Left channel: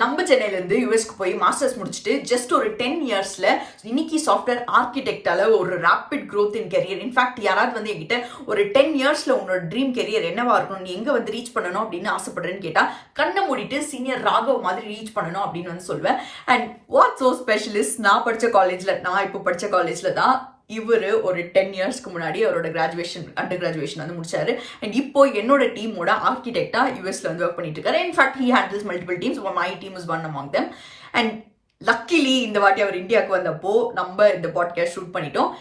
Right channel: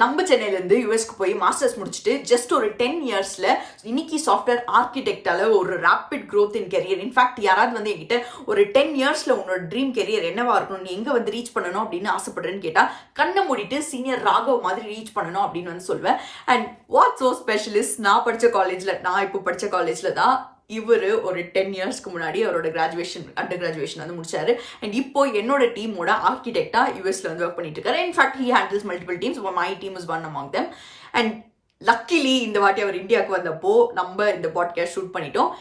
நம்ம சென்னையிலேருந்து யூஎஸ்க்கு போய் மாஸ்டர்ஸ் முடிச்சுட்டு ஜஸ்ட் ஒரு 10 இயர்ஸில் இன்னைக்கு சாஃப்ட்வேர் ஆர்கிடெக்டால ஒரு rapid growth in career. In fact யாராவது வந்து என்கிட்ட ஒரு 10 இயர்ஸில் உன்னோட ட்ரீம் கெரியர் என்னவா இருக்கணும், நீ எங்கே வந்து ரீச் பண்ணணும் அப்படின்னு ஆசைப்படுறேன்னு கேட்டால் கண்ணை மூடிட்டு சீனியர் ராகவ் மாதிரி ரீச் பண்ணணும் அப்படின்னு வந்து சொல்வேன். அண்ட் வாட் ஸோ ஸ்பெஷலிஸ்ட், நான் இப்போ படித்த காலேஜில் தான் இவர் ஒரு 10 இயர்ஸ்க்கு முன்னாடி அவரோட அண்டர் கிராஜுவேஷன் வந்து முடிச்சாரு. அண்ட் இப்போ என்னோட டீமோட ஆர்கிடெக்டா யூஎஸ்ல வந்து ஒர்க் பண்ணிட்டு இருக்காரு. In fact he handles multiple teams. My team is one among them. And luckily இந்த வாட்டி அவர் இந்தியாவுக்கு வந்தப்போ நம்ம இந்த பாட்காஸ்ட் ஷூட் பண்ணிட்டோம்.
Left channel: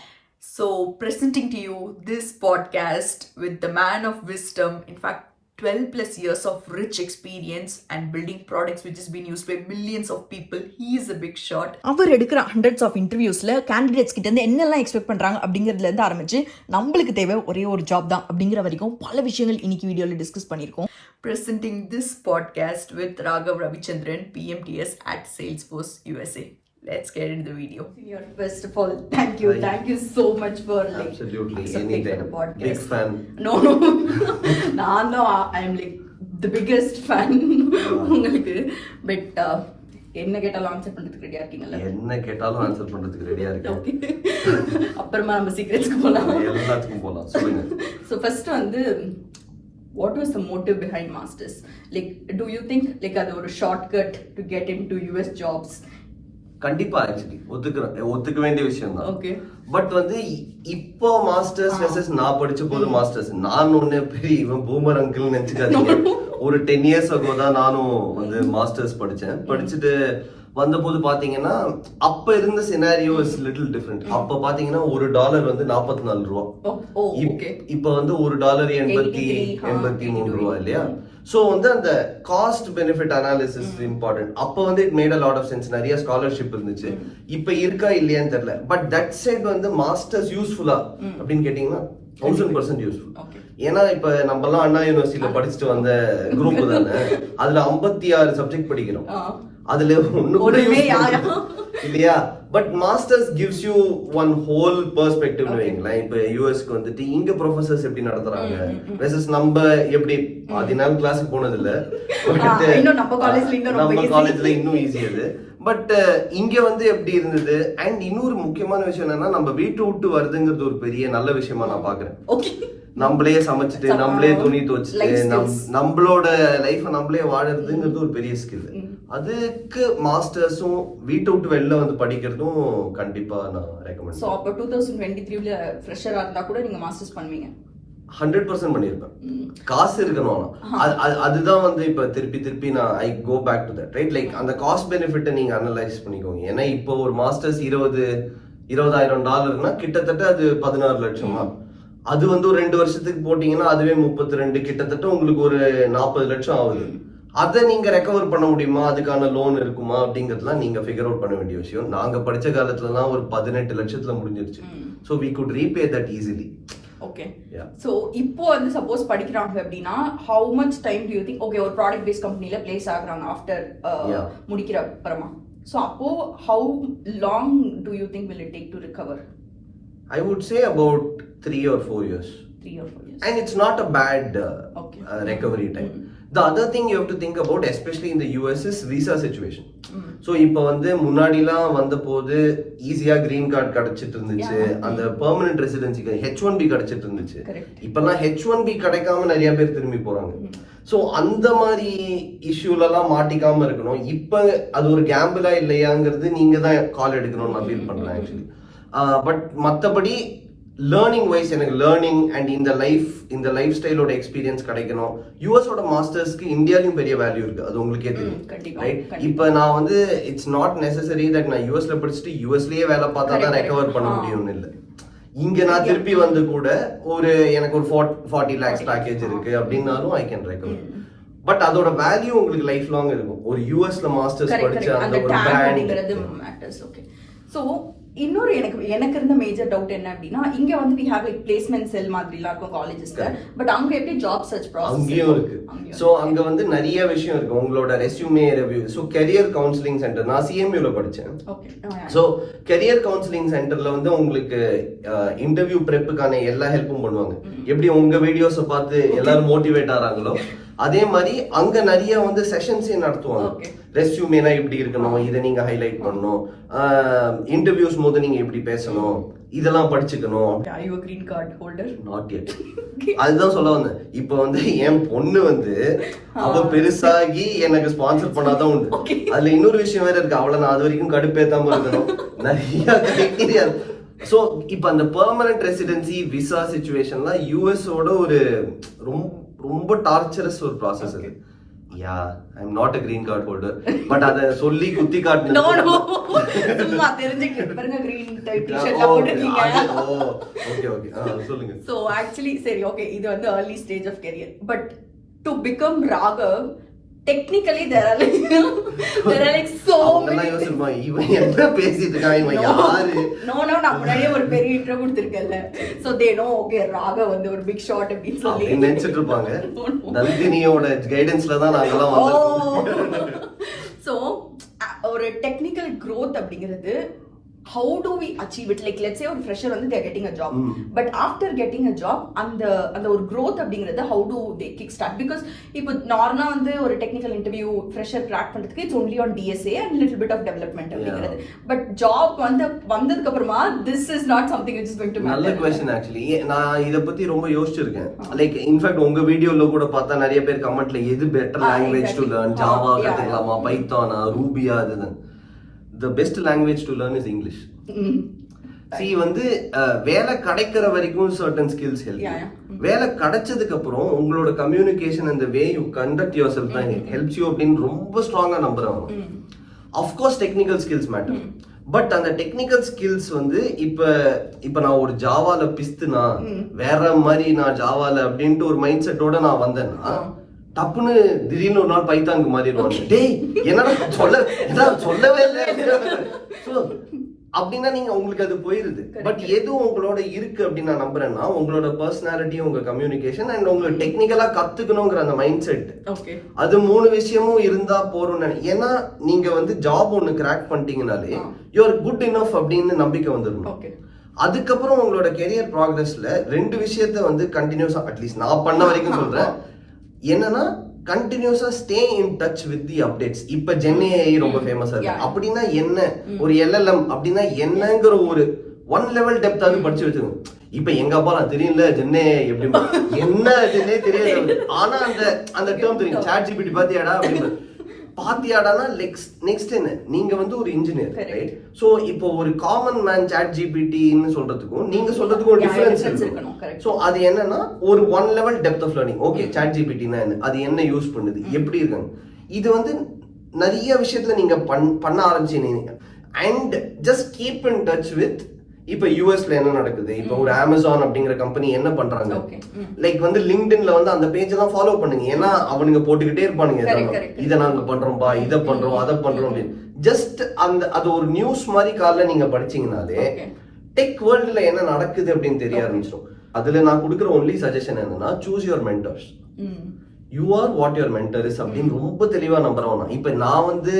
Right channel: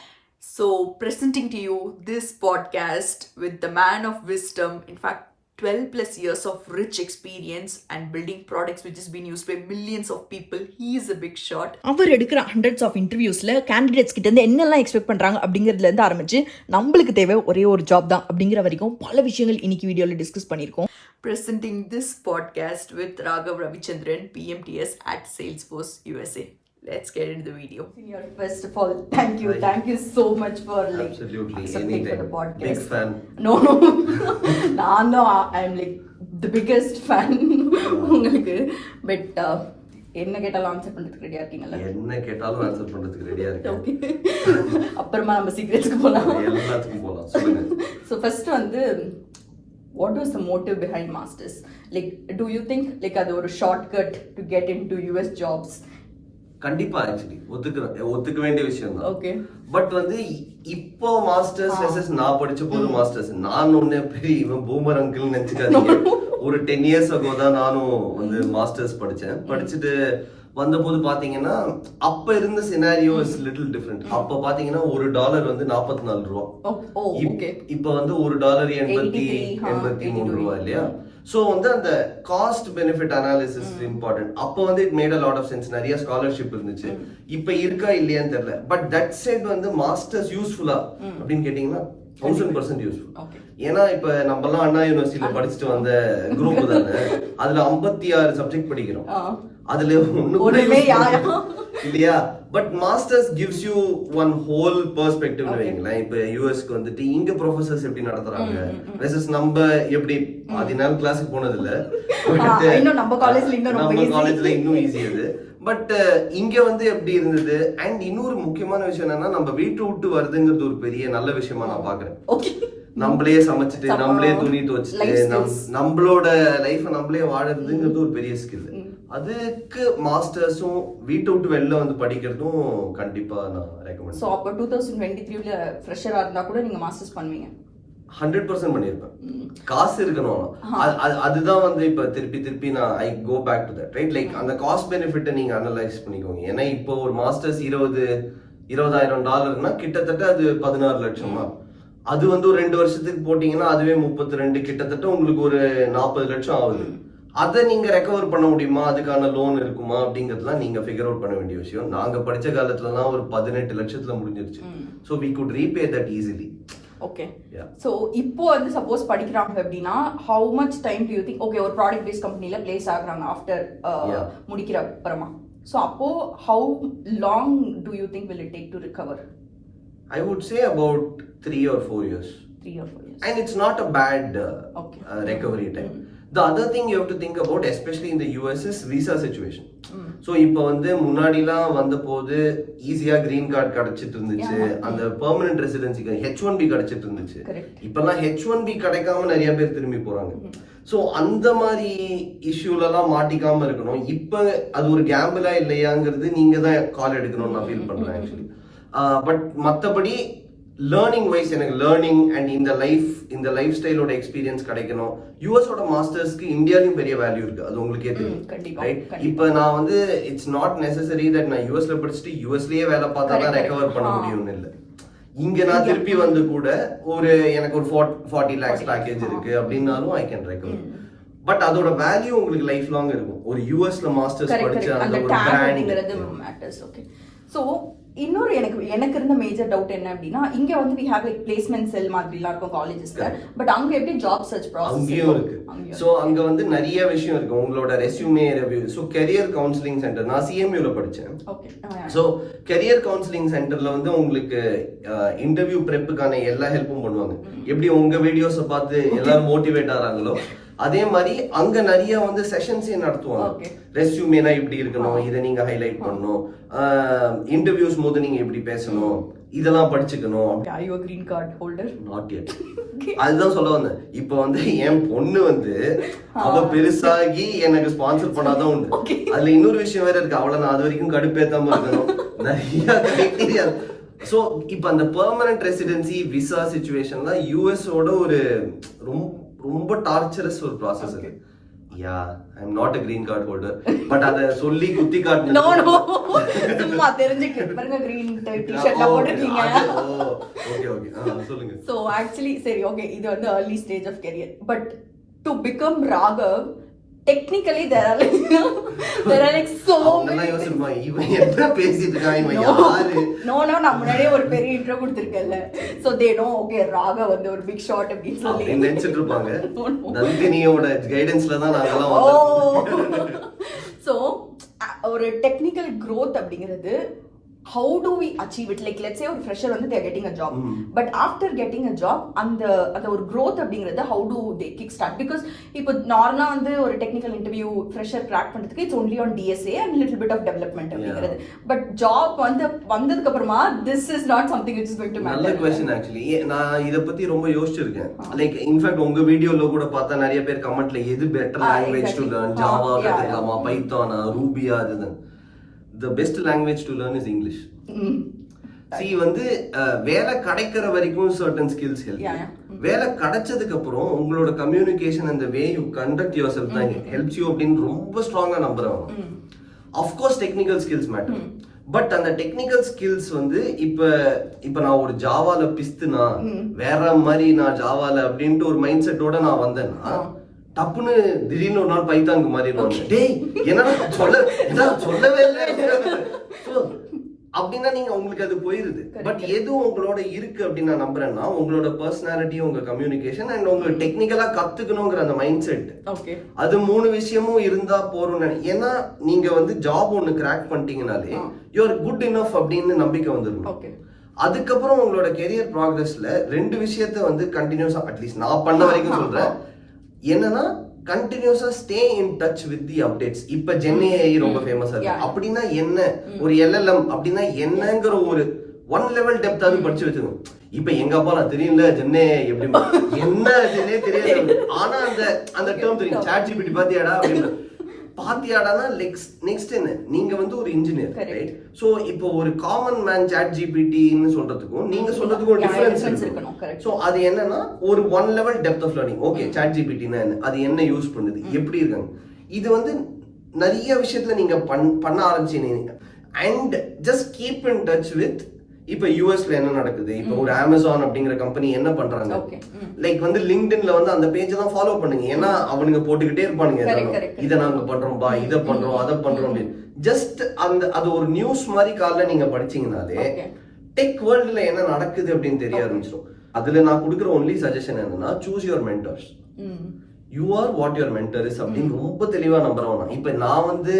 So presenting to you this podcast with the man of wisdom, in fact 12 plus years of rich experience and building products which has been used by millions of people. He is a big shot. அவர் எடுக்கிற hundreds of interviewsல candidates கிட்ட இருந்து என்னெல்லாம் expect பண்றாங்க அப்படிங்கிறதுல இருந்து ஆரம்பிச்சு நம்மளுக்கு தேவை ஒரே ஒரு ஜாப் தான் அப்படிங்கிற வரைக்கும் பல விஷயங்கள் இன்னைக்கு வீடியோல டிஸ்கஸ் பண்ணியிருக்கோம். Presenting this podcast with Raghav Ravichandran, PMTS at Salesforce USA. Let's get into the video. First of all, thank you so much for absolutely accepting anything. For the podcast. Big fan. No, I'm like the biggest fan. உங்களுக்கு but என்ன கேட்டாலும் answer பண்றதுக்கு ரெடியா இருக்கீங்களா? என்ன கேட்டாலும் answer பண்றதுக்கு ரெடியா இருக்கேன். அப்புறமா நம்ம சீக்ரெட்ஸ்க்கு போலாம். எல்லாத்துக்கும் போலாம். சொல்லுங்க. So first வந்து what was the motive behind masters? Like do you think like அது ஒரு shortcut to get into US jobs? கண்டிப்பா ஆக்சுவலி ஒத்துக்க வேண்டிய விஷயம் தான். ஓகே. பட் வந்து இப்போ மாஸ்டர்ஸ் வெர்சஸ் நான் படிச்ச போது மாஸ்டர்ஸ், நான் ஒண்ணு பெரிய இவன் பூமர் அங்கிள் நினைச்சுக்காதீங்க. ஒரு 10 இயர்ஸ் ago தான் நானும் வந்து மாஸ்டர்ஸ் படிச்சுட்டு வந்தபோது பாத்தீங்கன்னா அப்ப இருந்த சினாரியோ இஸ் லிட்டில் டிஃபரெண்ட். அப்ப பாத்தீங்கன்னா $1 வந்து 44 ரூபா. இப்ப வந்து $1 83 ரூபா இல்லையா? சோ வந்து அந்த காஸ்ட் பெனிஃபிட் அனாலிசிஸ் இம்பார்ட்டன்ட். அப்ப வந்து it made a lot of sense. நிறைய ஸ்காலர்ஷிப் இருந்துச்சு. இப்ப இருக்கா இல்லையான்னு தெரியல. பட் தட் சைட் வந்து மாஸ்டர்ஸ் யூஸ்ஃபுல்லா அப்படின்னு கேட்டீங்கன்னா 1000% யூஸ்ஃபுல். ஏன்னா இப்ப நம்ம எல்லாம் அண்ணா யூனிவர்சிட்டியில படிச்சுட்டு வந்த குரூப் தானே. அதுல 56 சப்ஜெக்ட் படிக்கிறோம். அதுல ஒண்ணு கூட இல்லையா? But masters gives you one whole perspective. வைங்களேன், இப்ப யூஎஸ்க்கு வந்துட்டு இங்க ப்ரொஃபசர்ஸ் எப்படி நடத்துறாங்க வெர்சஸ் நம்ம எப்படி 10 நாள் கிளாஸுக்கு போனது இல்ல. நம்ம காலேஜ்ல இன்னும் ஈஸி அது. பட் இங்க வந்து எப்படி இருந்தது? அண்ட் இன்னொரு முக்கியமான விஷயம் என்னன்னா, நம்ம வீட்டு விட்டு வருதுங்கிறது ஒரு பெரிய நல்ல விஷயமா நான் பாக்குறேன். நம்மளே சமைச்சிட்டு நம்மளே துணி துவச்சிட்டு நம்மளோட லைஃப நம்மளே வாழறதுங்கிறது ஒரு பெரிய ஸ்கில். அதுக்கு மாஸ்டர்ஸும் வீட்டை விட்டு வெளில வந்து படிக்கிறதும் கண்டிப்பா நான் ரெக்கமெண்ட். சோ அப்ப 2023ல ஃப்ரெஷரா இருந்தா கூட நீங்க மாஸ்டர்ஸ் பண்ணுவீங்க? 100% பண்ணிருப்பேன். காசு இருக்கணும். அதுதான் வந்து இப்ப திருப்பி நான் I go back to that, right? Like அந்த காஸ்ட் பெனிஃபிட்டை நீங்க அனலைஸ் பண்ணிக்கோங்க. ஏன்னா இப்போ ஒரு மாஸ்டர்ஸ் $20,000 கிட்டத்தட்ட அது 16 லட்சமா. அது வந்து ஒரு 2 வருஷத்துக்கு போட்டீங்கன்னா அதுவே 32, கிட்டத்தட்ட உங்களுக்கு ஒரு 40 லட்சம் ஆகுது. அதை நீங்க ரெக்கவர் பண்ண முடியுமா? அதுக்கான லோன் இருக்குமா அப்படிங்கறதுலாம் நீங்க ஃபிகர் அவுட் பண்ண வேண்டிய விஷயம். நாங்க படிச்ச காலத்துலலாம் ஒரு 18 லட்சத்துல முடிஞ்சிருச்சு. So we could repay that easily. Okay. Yeah. So இப்போ வந்து சப்போஸ் படிக்கிறாங்க அப்படின்னா how much time do you think okay ஒரு ப்ராடக்ட் பேஸ்ட் கம்பெனில பிளேஸ் ஆகுறாங்க ஆஃப்டர் முடிக்கிற அப்புறமா? So அப்போ how long do you think will it take to recover? I would say about 3 or 4 years. 3 or 4 years. And it's not a bad recovery time. The other thing you have to think about, especially in the US, is visa situation. So இப்போ வந்து முன்னாடிலாம் வந்த போது ஈஸியா green card கிடைச்சிட்டு இருந்துச்சு. அந்த permanent ரெசிடென்சிக்கு H1B கிடைச்சிட்டு இருந்துச்சு. இப்பெல்லாம் H1B கிடைக்காம நிறைய பேர் திரும்பி போறாங்க. சோ அந்த மாதிரி இஷ்யூலலாம் மாட்டிக்காம இருக்கணும். இப்ப அது ஒரு கேம்பிளா இல்லையாங்கிறது நீங்க தான் கால் எடுக்கணும்னு நான் ஃபீல் பண்றேன் ஆக்சுவலி. பட் மற்றபடி லேர்னிங் வைஸ் எனக்கு லேர்னிங் அண்ட் இந்த லைஃப் ஸ்டைலோட எக்ஸ்பீரியன்ஸ் கிடைக்கணும். யூஎஸோட மாஸ்டர்ஸ்க்கு இந்தியாலையும் பெரிய வேல்யூ இருக்கு, அது உங்களுக்கே தெரியும், ரைட்? இப்போ நான் வந்து இட்ஸ் நாட் நெசசரி தட் நான் யூஎஸ்ல படிச்சுட்டு யூஎஸ்லயே வேலை பார்த்தா தான் ரெக்கவர் பண்ண முடியும்னு இல்லை. இங்க நான் திருப்பி வந்து கூட எனக்கு ஒரு 40 lakhs பேக்கேஜ் இருக்கு அப்படின்னாலும் ஐ கேன் ரெக்கவர். பட் அதோட வேல்யூ உங்களுக்கு லைஃப் லாங் இருக்கும். ஒரு யூஎஸ்ல மாஸ்டர்ஸ் படிச்ச அந்த ஒரு பிராண்ட். ஸோ இன்னொரு எனக்கு இருந்த மேஜர் டவுட் என்ன அப்படின்னா, இங்க வந்து we have like placement cell மாதிரிலாம் இருக்கும் காலேஜஸ்ல, பட் அங்க எப்படி ஜாப் சர்ச் ப்ராசஸ் அங்கேயும் இருக்கு. சோ அங்க வந்து நிறைய விஷயம் இருக்கு. உங்களோட resume review, so career counselling centre, நான் சிஎம்யூல படிச்சேன். ஓகே. சோ கெரியர் கவுன்சிலிங் சென்டர்ல வந்து உங்களுக்கு இன்டர்வியூ ப்ரெப்புக்கான எல்லா ஹெல்ப்பும் பண்ணுவாங்க. எப்படி உங்க வீடியோஸை பார்த்து எல்லாரும் மோட்டிவேட் ஆறாங்களோ அதே மாதிரி அங்க நிறைய வந்து செஷன்ஸே நடத்துவாங்க. ரெஸ்யூமேனா இப்படி இருக்கணும், இதை நீங்க ஹைலைட் பண்ணணும், இன்டர்வியூஸ் போது நீங்க எப்படி பேசணும், இதெல்லாம் படிச்சுக்கணும். Are you a green card holder? Not yet. அதுதான் சொல்ல வந்தேன். இப்ப வந்து என் பொண்ணு வந்து அவ பெருசாகி எனக்கு ஸ்பான்சர் பண்ணாதான் உண்டு. அதுல இன்னொரு விஷயம் வேற இருக்கு. அவளை நான் அது வரைக்கும் கடுப்பேத்தாம இருக்கணும். நிறைய கிரைட்டீரியா. சோ இப்ப அந்த பெர்மனன்ட் ரெசிடென்சி விசா சிச்சுவேஷன்லாம் யூஎஸோட ஒரு ரொம்ப டார்ச்சரஸ் ஒரு ப்ராசஸ் அது. Yeah, I am not a green card holder, but அத சொல்லி குத்தி காட்டணும். நோ சும்மா தெரிஞ்சுக்க பாருங்க green t-shirtல போட்டுட்டீங்க. ஓகே சொல்லுங்க. So actually சரி ஓகே, இது வந்து early stage of career, but to become Raghav technically there are like so many. இவன் என்ன பேசிட்டு இருக்கான், இவன் யாரு? நோ நான் முன்னாடியே ஒரு பெரிய intro கொடுத்திருக்கேன்ல, so they know okay Raghav வந்து ஒரு big shot அப்படி சொல்லி நினைச்சிட்டு இருப்பாங்க. நந்தினியோட கைடன்ஸ்ல தான் நாங்கலாம் வந்தோம். so ஒரு டெக்னிக்கல் growth அப்படிங்கிறது how do we achieve it? Like let's say ஒரு fresher வந்து they are getting a job, but after getting a job அந்த ஒரு growth அப்படிங்கிறது how do they kick start? Because இப்போ நார்மலா வந்து ஒரு டெக்னிக்கல் இன்டர்வியூ fresher crack பண்றதுக்கு it's only on DSA and little bit of development அப்படிங்கிறது, but job வந்ததுக்கு அப்புறமா this is not something which is going to matter. நல்ல क्वेश्चन actually. நான் இத பத்தி ரொம்ப யோசிச்சிருக்கேன். லைக் இன்ஃபேக்ட் உங்க வீடியோல கூட பார்த்தா நிறைய பேர் கமெண்ட்ல எது better language to learn, Java கத்துக்கலாமா, பைத்தானா, ரூபியா, அதுதான். The best language to learn is English. See வந்து வேலை கிடைக்கிற வரைக்கும் certain skills help. வேலை கிடைச்சதுக்கு அப்புறம் உங்களோட communication and the way you conduct yourself தான் helps you அப்படின்னு ரொம்ப ஸ்ட்ராங்கா நம்புறேன். Of course technical skills matter. But அந்த டெக்னிக்கல் ஸ்கில்ஸ் வந்து இப்ப நான் ஒரு ஜாவால பிஸ்துனா வேற மாதிரி நான் ஜாவால அப்படின்ட்டு ஒரு மைண்ட் செட்டோட நான் வந்தேன்னா டப்புன்னு திடீர்னு ஒரு நாள் பைத்தாங்கு மாறிடுவாங்க. டேய் என்னடா சொல்லவே இல்லை அப்படின்னா நீங்க உங்களுக்கு அது போயிருது. பட் எது உங்களோட இருக்கு அப்படின்னு நான் நம்புறேன்னா உங்களோட பர்சனாலிட்டி, உங்க கம்யூனிகேஷன் அண்ட் உங்க டெக்னிக்கலா கத்துக்கணுங்கிற அந்த மைண்ட் செட், அது 3 விஷயமும் இருந்தா போறோம். ஏன்னா நீங்க வந்து ஜாப் ஒண்ணு கிராக் பண்ணிட்டீங்கனாலே யூ ஆர் குட் இனஃப் அப்படின்னு நம்பிக்கை வந்துடும். அதுக்கப்புறம் உங்களோட கெரியர் ப்ராக்ரஸ்ல 2 விஷயத்த வந்து கண்டினியூஸா, அட்லீஸ்ட் நான் பண்ண வரைக்கும் சொல்றேன், என்னன்னா கண்டினியூஸா stay in touch with the updates. இப்ப ஜென்ஏஐ ரொம்ப ஃபேமஸா இருக்கு. அப்படின்னா என்ன, ஒரு எல்எல்எம் அப்படின்னா என்னங்கிற ஒரு 1 லெவல் டெப்த் அது படிச்சு வச்சிருக்கோம். இப்ப எங்க அப்பா நான் தெரியல ஜென்ஏஐ எப்படி என்ன ஜென்ஏ தெரியாது, ஆனா அந்த டேர்ம் தெரியும். சாட் ஜிபிடி பாத்தியாடா அப்படின்னு பாத்தியாடானா நெக்ஸ்ட் என்ன, நீங்க வந்து ஒரு இன்ஜினியர் ரைட்? சோ இப்போ ஒரு காமன் மேன் சாட் ஜிபிடின்னு சொல்றதுக்கும் நீங்க சொல்றதுக்கும் ஒரு டிஃபரன்ஸ் இருக்கு. சோ அது என்னன்னா ஒரு 1 level depth of learning. Okay chat ஜிபிடினா என்ன, அது என்ன யூஸ் பண்ணுது, எப்படி இருக்காங்க, இது வந்து நிறைய விஷயத்துல நீங்க பண்ண ஆரம்பிச்சீங்க. And just keep in touch with இப்ப யூஎஸ்ல என்ன நடக்குது, இப்ப ஒரு அமேசான் அப்படிங்கிற கம்பெனி என்ன பண்றாங்க, லைக் வந்து லிங்க்டின்ல வந்து அந்த பேஜ் தான் ஃபாலோ பண்ணுங்க. ஏன்னா அவனுங்க போட்டுக்கிட்டே இருப்பானுங்க, இதை நாங்க பண்றோம்பா, இதை பண்றோம், அதை பண்றோம் அப்படின்னு. ஜஸ்ட் அது ஒரு நியூஸ் மாதிரி காலைல நீங்க படிச்சீங்கனாலே டெக் வேர்ல்டுல என்ன நடக்குது அப்படின்னு தெரிய ஆரம்பிச்சிடும். அதுல நான் கொடுக்குற ஒன்லி சஜஷன் என்னன்னா, choose your mentors. You are what your mentor is அப்படின்னு ரொம்ப தெளிவா நம்புறவன். இப்ப நான் வந்து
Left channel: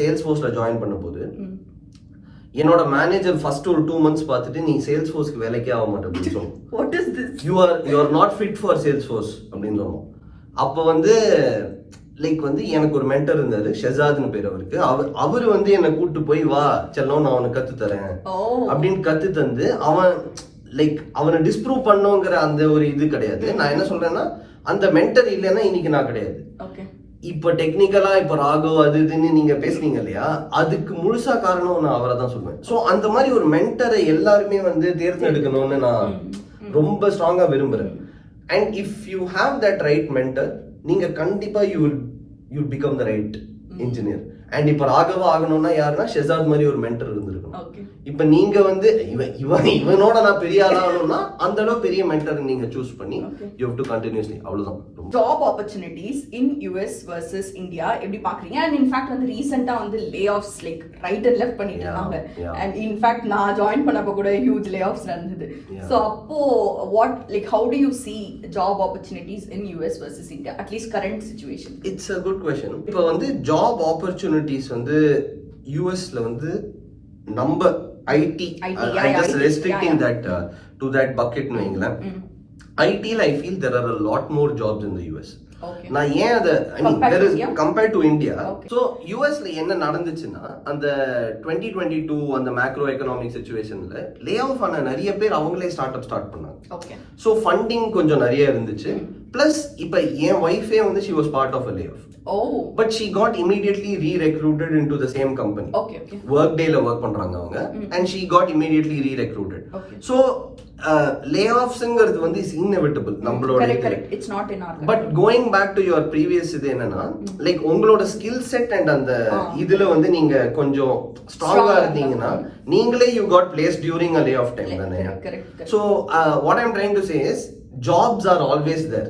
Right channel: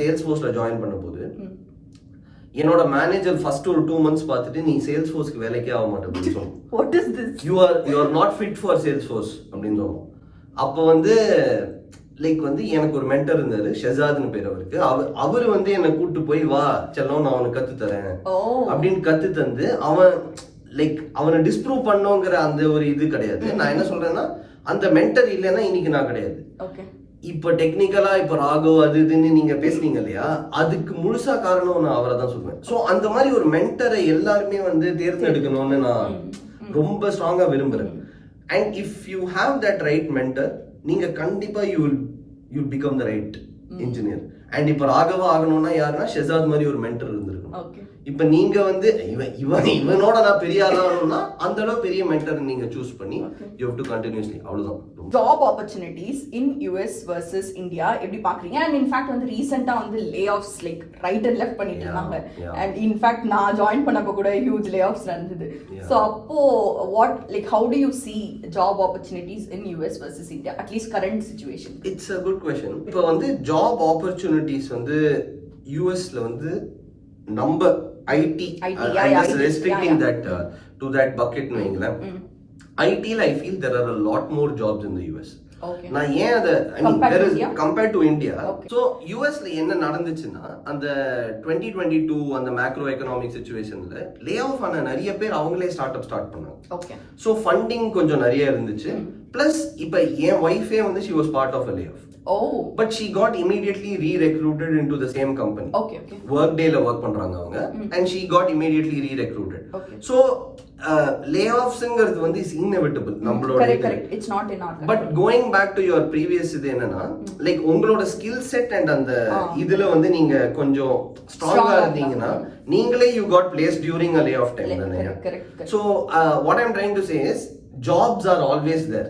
சேல்ஸ்ஃபோர்ஸ்ல ஜாயின் பண்ணும் போது என்னோட மேனேஜர் ஃபர்ஸ்ட் ஒரு 2 months பார்த்துட்டு நீ சேல்ஸ்ஃபோர்ஸ்க்கு வேலைக்கே ஆக மாட்டே அப்படின்னு சொல்லுவோம். What is this? You are not fit for Salesforce அப்படின்னு சொல்லுவோம். அப்போ வந்து லைக் வந்து எனக்கு ஒரு மென்டர் இருந்தாரு, ஷெசாத்னு பேர் அவருக்கு. அவர் வந்து என்னை கூட்டு போய் வா செல்லம் நான் அவனுக்கு கத்து தரேன் அப்படின்னு கத்து தந்து அவனை டிஸ்ப்ரூவ் பண்ணோங்கிற அந்த ஒரு இது கிடையாது. நான் என்ன சொல்றேன்னா, அந்த மென்டர் இல்லைன்னா இன்னைக்கு நான் கிடையாது. இப்ப டெக்னிக்கலா இப்ப ராகவ் அது இதுன்னு நீங்க பேசுனீங்க இல்லையா, அதுக்கு முழுசா காரணம் நான் அவரை தான் சொல்லுவேன். சோ அந்த மாதிரி ஒரு மென்டரை எல்லாருமே வந்து தேர்ந்தெடுக்கணும்னு நான் ரொம்ப ஸ்ட்ராங்கா விரும்புறேன். And if you have that right mentor, நீங்க கண்டிப்பா you will become the right engineer. And இப்ப ராகவா ஆகணும்னா யாருன்னா ஷெசாத் மாதிரி ஒரு மென்டர் இருந்திருக்கணும். இப்ப நீங்க வந்து இவனோட நான் பெரிய ஆளாகணும்னா அந்த அளவு பெரிய மென்டர் நீங்க சூஸ் பண்ணி யூ ஹேவ் டு கண்டினியூஸ்லி. அவ்வளவுதான். Job opportunities in US versus India எப்படி பாக்குறீங்க? அண்ட் இன்ஃபேக்ட் வந்து ரீசெண்டா வந்து layoffs like right and left பண்ணிட்டு இருந்தாங்க. அண்ட் இன்ஃபேக்ட் நான் ஜாயின் பண்ணப்போ கூட ஹியூஜ் லே ஆஃப்ஸ் நடந்தது. ஸோ அப்போ what like how do you see job opportunities in US versus India at least current situation? It's a good question. இப்போ வந்து job opportunities வந்து யூஎஸ்ல வந்து நம்ம ID restricting that to that bucket னு வைங்களேன். ஐடில I feel there are a lot more jobs in the US. நான் ஏன் அதை கம்பேர்ட் டு இந்தியா. ஸோ யூஎஸ்ல என்ன நடந்துச்சுன்னா அந்த 2022 அந்த மேக்ரோ எக்கனாமிக் சிச்சுவேஷன்ல லே ஆஃப் ஆன நிறைய பேர் அவங்களே ஸ்டார்ட் பண்ணாங்க. ஸோ ஃபண்டிங் கொஞ்சம் நிறைய இருந்துச்சு. பிளஸ் இப்போ என் ஒய்ஃபே வந்து she was part of a layoff. But she got immediately re-recruited into the same company. Workdayல work பண்றாங்க அவங்க. And she got immediately re-recruited. So layoffsங்கிறது வந்து is inevitable. நம்மளோட correct. It's not in our control. But going back to your previous இது என்னன்னா like உங்களோட skill set and அந்த இதுல வந்து நீங்க கொஞ்சம் ஸ்ட்ராங்கா இருந்தீங்கன்னா நீங்களே you got placed during a layoff time தானே. So what I'm trying to say is jobs are always there.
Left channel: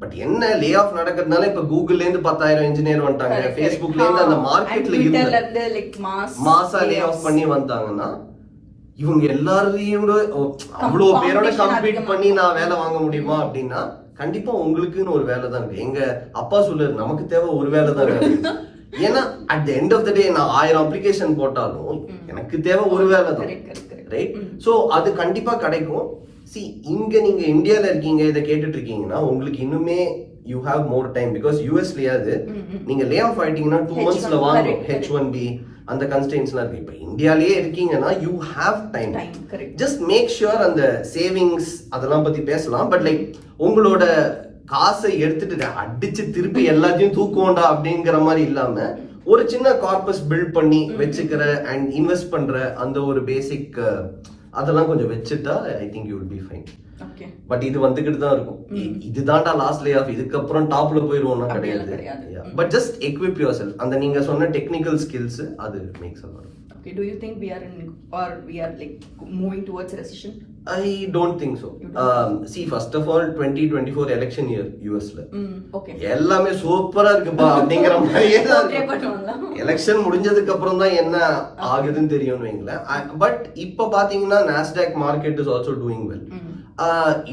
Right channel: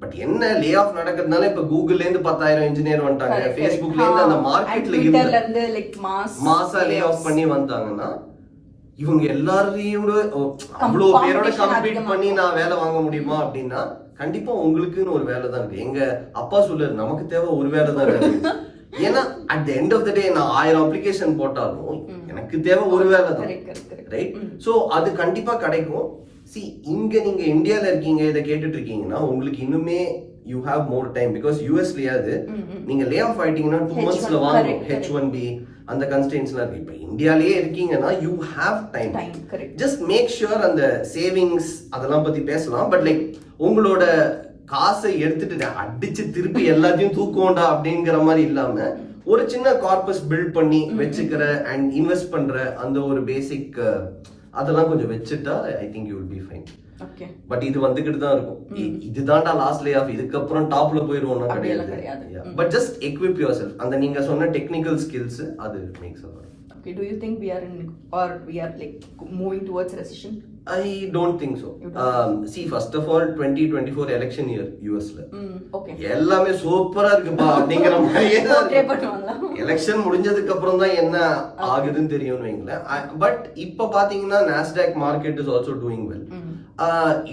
But என்ன லே ஆஃப் நடக்கிறதுனால இப்ப கூகுள்ல இருந்து 10,000 இன்ஜினியர் வந்துட்டாங்க, ஃபேஸ்புக்ல இருந்து அந்த மார்க்கெட்ல இருந்து மாசா லே ஆஃப் பண்ணி வந்தாங்கன்னா இவங்க எல்லாரையும் அவ்வளவு பேரோட கம்பீட் பண்ணி நான் வேலை வாங்க முடியுமா அப்படின்னா கண்டிப்பா உங்களுக்குன்னு ஒரு வேலை தான் இருக்கு. எங்க அப்பா சொல்றாரு நமக்கு தேவை ஒரு வேலை தான் இருக்கு. ஏன்னா at the end of the day நான் 1000 அப்ளிகேஷன் போட்டாலும் எனக்கு தேவை ஒரு வேலை தான், ரைட்? சோ அது கண்டிப்பா கிடைக்கும். இங்க நீங்க இந்தியால இருக்கீங்க இதை கேட்டுட்டு இருக்கீங்கன்னா உங்களுக்கு இன்னுமே you have more time. Because யூஎஸ்லயாவது நீங்க லே ஆஃப் ஆயிட்டீங்கன்னா 2 monthsல வாங்கணும். H1B அந்த கன்ஸ்டன்ட்ஸ்லாம் இருக்கு. இப்ப இந்தியாலயே இருக்கீங்கன்னா you have time. Just make sure அந்த சேவிங்ஸ் அதெல்லாம் பத்தி பேசலாம். பட் லைக் உங்களோட காசை எடுத்துட்டு அடிச்சு திருப்பி எல்லாத்தையும் தூக்குவோண்டா அப்படிங்கிற மாதிரி இல்லாம ஒரு சின்ன கார்பஸ் பில்ட் பண்ணி வச்சுக்கிற அண்ட் இன்வெஸ்ட் பண்ற அந்த ஒரு பேசிக் அதெல்லாம் கொஞ்சம் வச்சுட்டா I think you will B fine. But இது வந்துகிட்டு தான் இருக்கும். இதுதான்டா லாஸ்ட் லே ஆஃப், இதுக்கப்புறம் டாப்ல போயிருவோம்னா கிடையாது. But just equip your self. அந்த நீங்க சொன்ன டெக்னிக்கல் ஸ்கில்ஸ் அது maths a lot. Okay, do you think we are in or we are like moving towards recession? I don't think so. See, first of all 2024 election year US ல எல்லாமே சூப்பரா இருக்குப்பா அப்படிங்கிற மாதிரியே எலெக்ஷன் முடிஞ்சதுக்கு அப்புறம் தான் என்ன ஆகுதுன்னு தெரியும்னு வைங்களேன். பட் இப்ப பாத்தீங்கன்னா Nasdaq market is also doing well.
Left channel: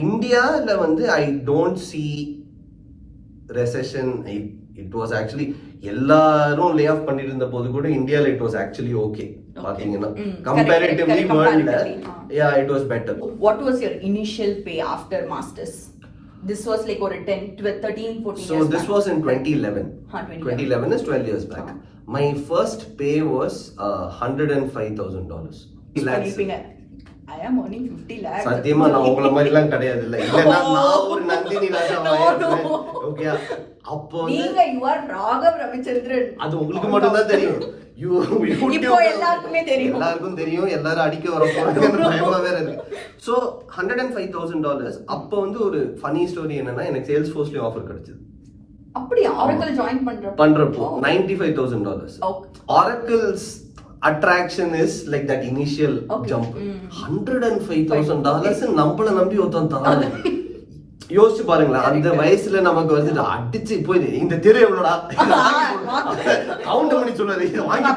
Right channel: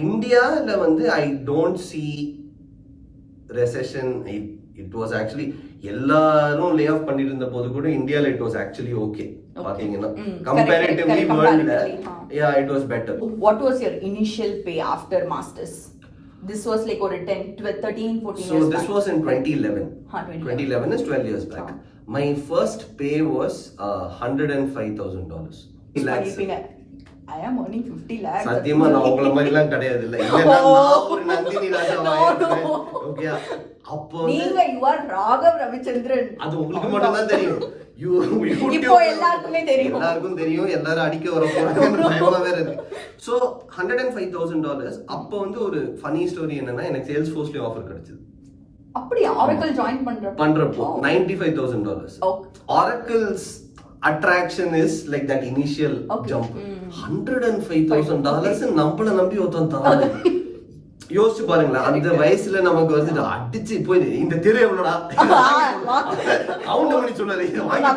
இந்தியால வந்து I don't see recession. It was actually எல்லாரும் லே ஆஃப் பண்ணிட்டு இருந்த போது கூட இந்தியால இட் வாஸ் ஆக்சுவலி ஓகே. பாத்தீங்கன்னா comparatively வேர்ல்ட்ல it was better. What was your initial pay after masters? This was like or 10 13 14 so this was in 2011. 2011 is 12 years back. My first pay was $105,000. I am earning 50 lakhs. சத்தியமா நான் உங்கள மாதிரி எல்லாம் கிடையாது. இல்ல இல்லனா நான் ஒரு நந்தினி ராஜாவா இருப்பேன். ஓகே, அப்போ நீங்க you are Raghav Ravichandran. அது உங்களுக்கு மட்டும் தான் தெரியும். இப்போ எல்லாருக்குமே தெரியும். எல்லாருக்கும் தெரியும். எல்லாரும் அடிக்க வர போறாங்கன்னு பயமா வேற இருக்கு. சோ $105,000 அப்போ வந்து ஒரு ஃபனி ஸ்டோரி என்னன்னா எனக்கு Salesforceல ஆஃபர் கிடைச்சது. அப்படி Oracle ஜாயின் பண்றப்போ $95,000. Oracle's attraction is like that initial jump. $105,000 நம்மள நம்பி ஒருத்தன் தராங்க. யோசிச்சு பாருங்களேன், அந்த வயசுல நமக்கு வந்து அடிச்சு போய் இந்த தெரு எவ்வளோடா கவுண்ட் பண்ணி சொன்னது வாங்கி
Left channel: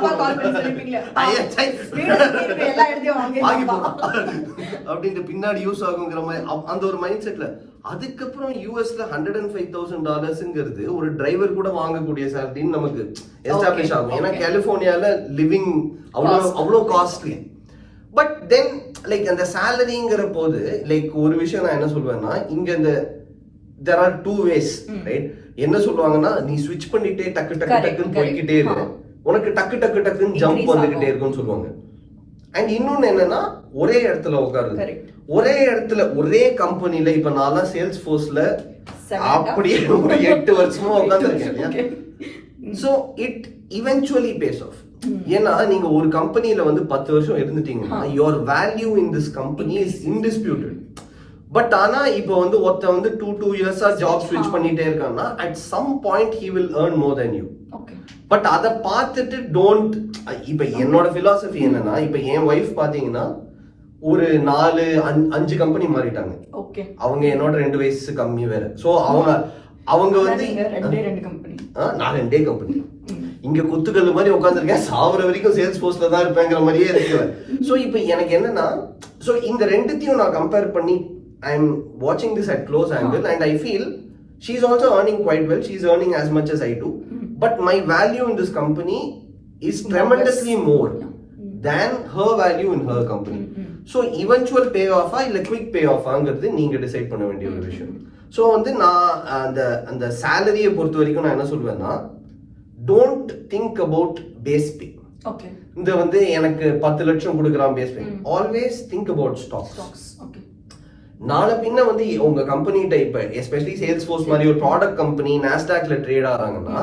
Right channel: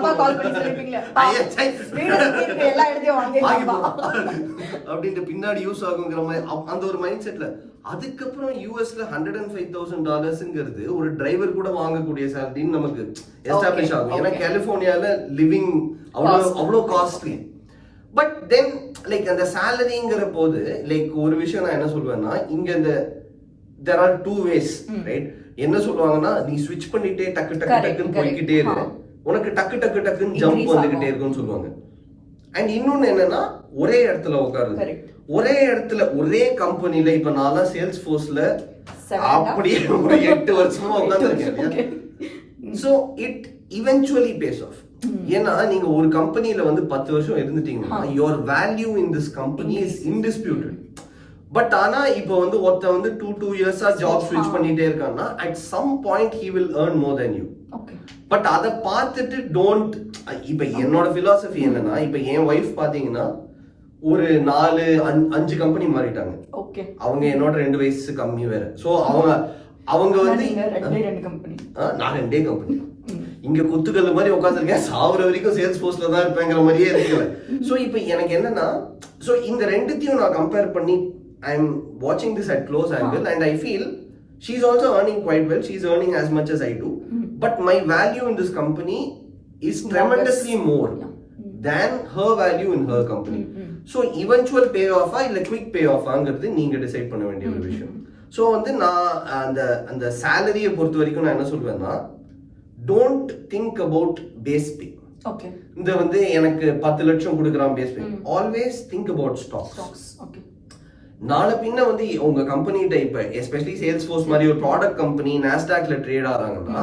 போடலாம் அப்படின்ட்டு பின்னாடி யூஸ் ஆகுங்கிற மாதிரி அந்த ஒரு மைண்ட் செட்ல. அதுக்கப்புறம் யூஎஸ்ல $105,000 ஒரு டிரைவர் கூட வாங்கக்கூடிய சேலரின்னு நமக்கு எஸ்டாப்ளிஷ் ஆகும். ஏன்னா கலிபோர்னியால லிவிங் அவ்வளோ காஸ்ட்லி. பட் தென் லைக் அந்த சேலரிங்கிற போது லைக் ஒரு விஷயம் நான் என்ன சொல்வேன்னா, இங்க இந்த there are two ways, right? என்ன சொல்லுவாங்கன்னா, நீ ஸ்விட்ச் பண்ணிட்டே டக்கு டக்கு டக்குன்னு போய்கிட்டே இரு, உனக்கு டக்கு டக்கு டக்குன்னு ஜம்ப் வந்துகிட்டே இருக்குன்னு சொல்லுவாங்க. அண்ட் இன்னொன்னு என்னன்னா, ஒரே இடத்துல உட்காருது, ஒரே இடத்துல ஒரே கம்பெனில. இப்ப நான் Salesforceல அப்படியே ஒரு 8 வருஷமா உட்கார்ந்துருக்கேன். So it eventually pays off. ஏன்னா நீங்க ஒரு கம்பெனில வந்து 10 வருஷம் இருந்துட்டீங்கன்னா your value in this company is indisputed. But ஆனா இப்போ வந்து ஒருத்த வந்து 2 இயர்ஸா ஜாப் ஸ்விட்ச் பண்ணிட்டே இருக்கான்னா at some point he will earn more than you. But அதை பார்த்துட்டு டோன்ட், இப்ப என்னோட பிலாசபி என்னன்னா, இப்ப என் ஒய்ஃப் பாத்தீங்கன்னா ஒரு 4-5 கம்பெனி மாறிட்டாங்க. அவங்க என்னோட 2 வயசு கம்மி வேற. சோ அவங்க வந்து நான் 2 கம்பெனி இங்க குத்துக்கல் மாதிரி உட்காந்துருக்கேன், சாவர வரைக்கும் சேல்ஸ்ஃபோர்ஸ்ல தான் இருப்பேங்கிற மாதிரியே இருக்கேன். சோ இப்போ எனக்கு என்னன்னா, சோ இந்த ரெண்டுத்தையும் நான் கம்பேர் பண்ணி I am watching this at close angle and I feel she's also earning quite well. She's earning as much as I do. But my value in this company is tremendously more than her value in her company. So eventual payoff இல்ல quick payoff ஆங்கிறது நீங்க decide பண்ண வேண்டிய ஒரு விஷயம். So வந்து நான் அந்த சேலரியை பொறுத்த வரைக்கும் நான் என்ன சொல்வேன்னா, don't think about base pay. இந்த வந்து எனக்கு 10 லட்சம் கொடுக்குறான் base pay. Always think about stocks. நாளை பின்ன வந்து உங்க கம்பெனி டைப், எஸ்பெஷலி சேல்ஸ்ஃபோர்ஸ் மாதிரி ஒரு ப்ராடக்ட் கம்பெனி நாஸ்டாக்ல ட்ரேட் ஆறாங்கன்னா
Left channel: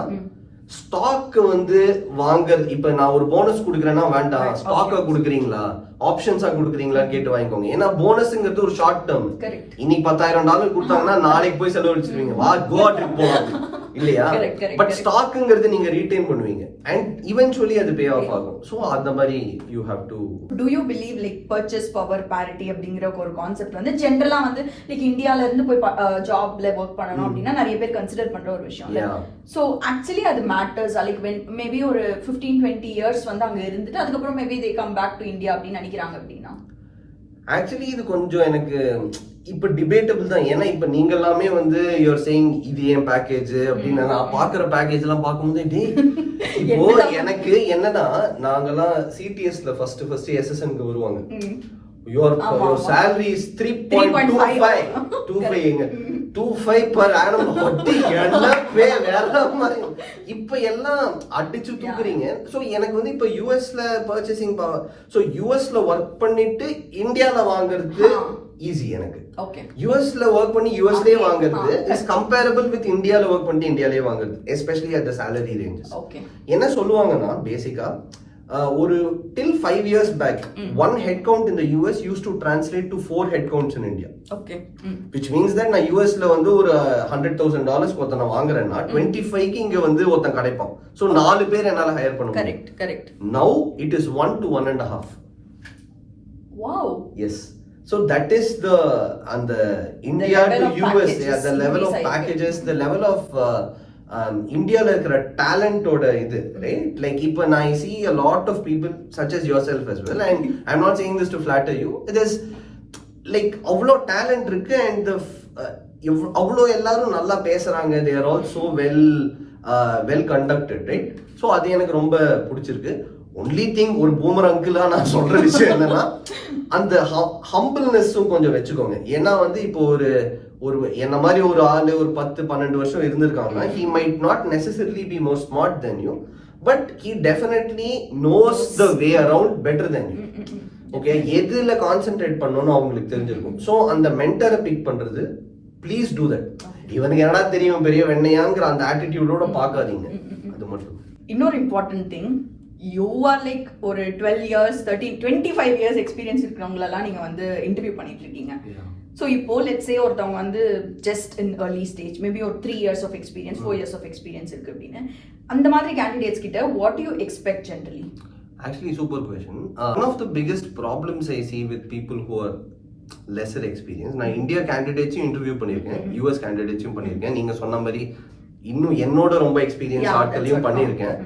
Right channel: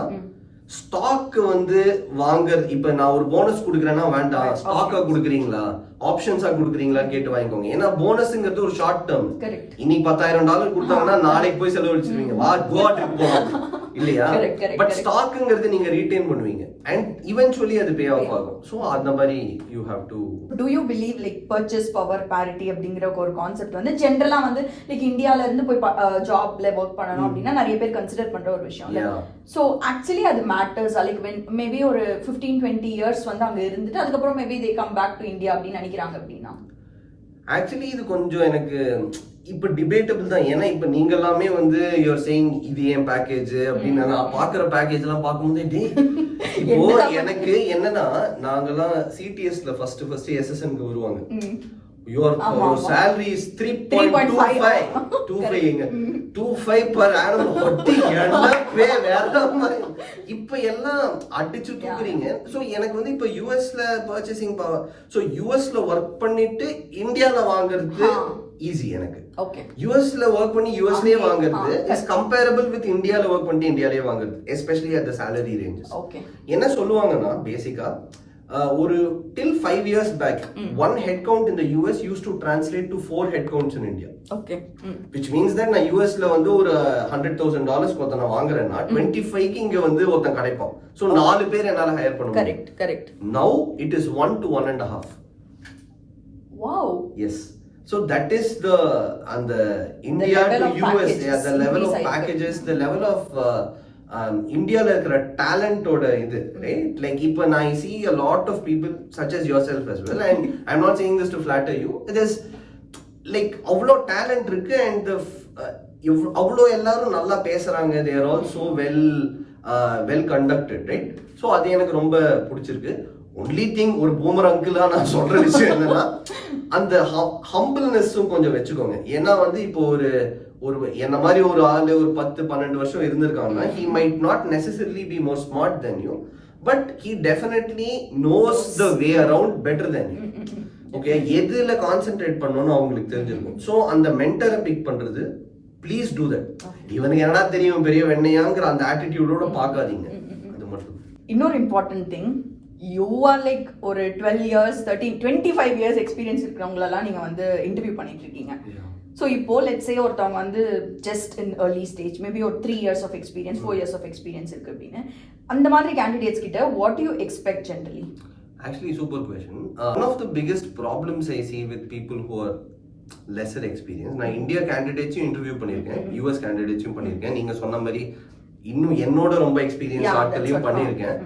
ஸ்டாக் வந்து வாங்குறது, இப்ப நான் ஒரு போனஸ் கொடுக்குறேன்னா வேண்டாம், ஸ்டாக்கா கொடுக்குறீங்களா ஆப்ஷன்ஸா கொடுக்குறீங்களான்னு கேட்டு வாங்கிக்கோங்க. ஏன்னா போனஸ்ங்கிறது ஒரு ஷார்ட் டேர்ம். இன்னைக்கு $10,000 கொடுத்தாங்கன்னா நாளைக்கு போய் செலவழிச்சிருவீங்க, வா கோவா ட்ரிப் போவாங்க இல்லையா? பட் ஸ்டாக்குங்கிறது நீங்க ரீடைன் பண்ணுவீங்க அண்ட் இவென்ச்சுவலி அது பே ஆஃப் ஆகும். சோ அந்த மாதிரி you have to. To you believe like purchase power parity அப்படிங்கிற ஒரு கான்செப்ட் வந்து ஜெனரலா வந்து லைக் இந்தியால இருந்து போய் ஜாப்ல வர்க் பண்ணனும் அப்படினா நிறைய பேர் கன்சிடர் பண்ற ஒரு விஷயம் இல்ல. சோ ஆக்சுவலி அது மேட்டர்ஸ். லைக் when மேபி ஒரு 15-20 இயர்ஸ் வந்து அங்க இருந்துட்டு அதுக்கு அப்புறம் maybe they come back to India அப்படி நினைக்கிறாங்க அப்படினா ஆக்சுவலி இது கொஞ்சம் எனக்கு இப்ப டிபேட்டபிள் தான். ஏன்னா இப்ப நீங்க எல்லாமே வந்து யூஆர் சேயிங் இது ஏன் பேக்கேஜ் அப்படின்னு நான் பாக்குற பேக்கேஜ் எல்லாம் பார்க்கும்போது டே இப்போ எனக்கு என்னன்னா, நாங்கெல்லாம் சிடிஎஸ்ல ஃபர்ஸ்ட் எஸ்எஸ்என்க்கு வருவாங்க. your salary is 3.25 per annum. இப்ப எல்லாம் அடிச்சு தூக்குறீங்க. சோ எனக்கு வந்து இப்ப யூஎஸ்ல பர்ச்சேசிங் பவர், சோ யூஎஸ்ல ஒர்க் பண்ணிட்டு இந்தியால வாங்குறது ஈஸி எனக்கு. யூஎஸ்ல ஒர்க் பண்ணி யூஎஸ்லயே வாங்குறது இஸ் கம்பேரபிள் வித் இந்தியால ஒர்க் பண்ணி இந்தியாலயே வாங்குறது, especially at the salary ranges. என்ன சொல்லுவாங்கன்னா பேசிக்கா ஒரு till 5 years back, one headcount in the US used to translate to 4 headcounts in India. Which means that நான் USல வந்து ஒரு $100,000 ஒருத்தனை வாங்குறேன்னா 25க்கு இங்க வந்து ஒருத்தன் கிடைப்பான். சோ 4 பேர் என்னால ஹையர் பண்ண முடியும். Correct. Now it is 1 to 1.5. Wow. Yes. So that is the India to US, the level of packages, the level of இந்தியால இருக்கிற டேலண்டோட இது, ரைட்? லைக் இப்போ நான் see a lot of people such as yourself as well, and I'm not saying this to flatter you, it is like அவ்வளோ talent இருக்கு and அவ்வளோ எல்லாரும் நல்லா பேசுறாங்க, they are all so well conducted, right? So அது எனக்கு ரொம்ப பிடிச்சிருக்கு. ஒன்லி திங் ஒரு பூமர் அங்கிளா நான் சொல்ற விஷயம் என்னன்னா, அந்த ஹம்பிள்னஸும் கொஞ்சம் வச்சுக்கோங்க. ஏன்னா வந்து இப்போ ஒரு என்ன மாதிரி ஒரு ஆளு ஒரு 10-12 வருஷம் இருந்திருக்காங்கன்னா he might not necessarily be more smart than you, but he definitely knows the way around better than you. Okay, எதுல கான்சென்ட்ரேட் பண்ணணும்னு அவங்களுக்கு தெரிஞ்சிருக்கும். ஸோ அந்த மென்டரை பிக் பண்றது, ப்ளீஸ் டூ தட். இவனுக்கு என்னடா தெரியும் பெரிய வெண்ணையாங்கிற அந்த ஆட்டிடியூடோட பார்க்காதீங்க. அது மட்டும். இன்னொரு important thing, you are like ஒரு 12 years 25 years எக்ஸ்பீரியன்ஸ் இருக்கிறவங்களெல்லாம் நீங்க வந்து இன்டர்வியூ பண்ணிட்டு இருக்கீங்க. ஸோ இப்போ லெட்ஸ் சே ஒருத்தவங்க வந்து just in early stage, maybe ஒரு 3 years of experience 4 years of experience இருக்கு அப்படின்னு, அந்த மாதிரி கேண்டிடேட்ஸ் கிட்ட what you expect generally? Actually, super question. One of the biggest problems I see with people who are lesser experienced, நான் India கேண்டிடேட்ஸும் interview பண்ணியிருக்கேன், US கேண்டிடேட்ஸும் பண்ணியிருக்கேன், நீங்க சொன்ன மாதிரி இன்னும் என்னோட ரொம்ப எக்ஸ்பீரியன்ஸ் ஆட்களையும் பண்ணியிருக்கேன்.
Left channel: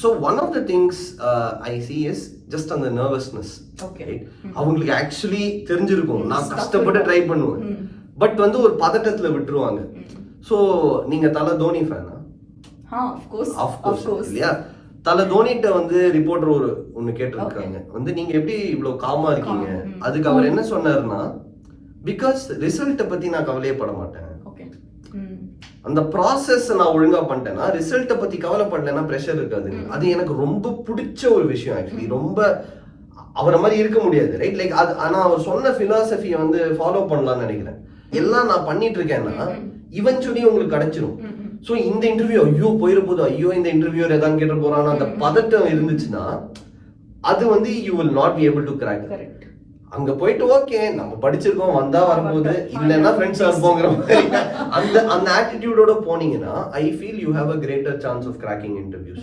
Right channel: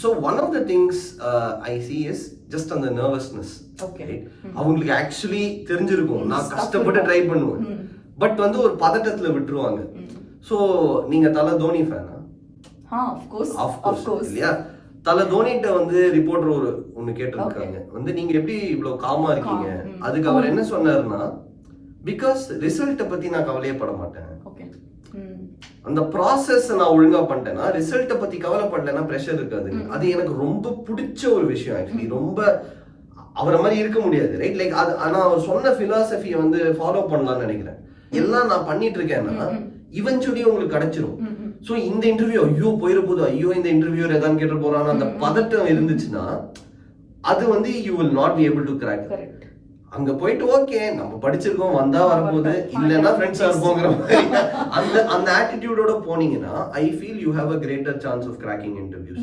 So one of the things I see is just on the nervousness. Right? அவங்களுக்கு ஆக்சுவலி தெரிஞ்சிருக்கும் நான் கஷ்டப்பட்டு ட்ரை பண்ணுவேன், பட் வந்து ஒரு பதட்டத்துல விட்டுருவாங்க. ஸோ நீங்க தல தோனி ஃபேனா? இல்லையா? தல தோனிட்ட வந்து ரிப்போர்ட்டர் ஒன்னு கேட்டிருக்காங்க, வந்து நீங்க எப்படி இவ்வளவு காமா இருக்கீங்க? அதுக்கு அவர் என்ன சொன்னாருன்னா, பிகாஸ் ரிசல்ட்டை பத்தி நான் கவலையே பட மாட்டேன், அந்த ப்ராசஸ் நான் ஒழுங்கா பண்ணிட்டேன்னா ரிசல்ட்டை பத்தி கவலைப்படலைன்னா ப்ரெஷர் இருக்காது. அது எனக்கு ரொம்ப பிடிச்ச ஒரு விஷயம். ஆக்சுவலி ரொம்ப அவரை மாதிரி இருக்க முடியாது, ரைட்? லைக் அது, ஆனா அவர் சொன்ன பிலாசபியை வந்து ஃபாலோ பண்ணலாம்னு நினைக்கிறேன். எல்லாம் நான் பண்ணிட்டு இருக்கேன்னா இவென்ச்சுவலி உங்களுக்கு கிடைச்சிரும். ஸோ இந்த இன்டர்வியூ ஐயோ போயிட போது, ஐயோ இந்த இன்டர்வியூ ஏதாவது கேட்டு போறான்னு அந்த பதட்டம் இருந்துச்சுன்னா அது வந்து you will not be able to crack. அங்க போயிட்டு ஓகே நம்ம படிச்சிருக்கோம் வந்தா வரப்போகுது இல்லைன்னா ஃப்ரெண்ட்ஸா இருப்போங்கிற மாதிரி அந்த ஆட்டிடியூடோட போனீங்கன்னா I feel you have a greater chance of cracking interviews.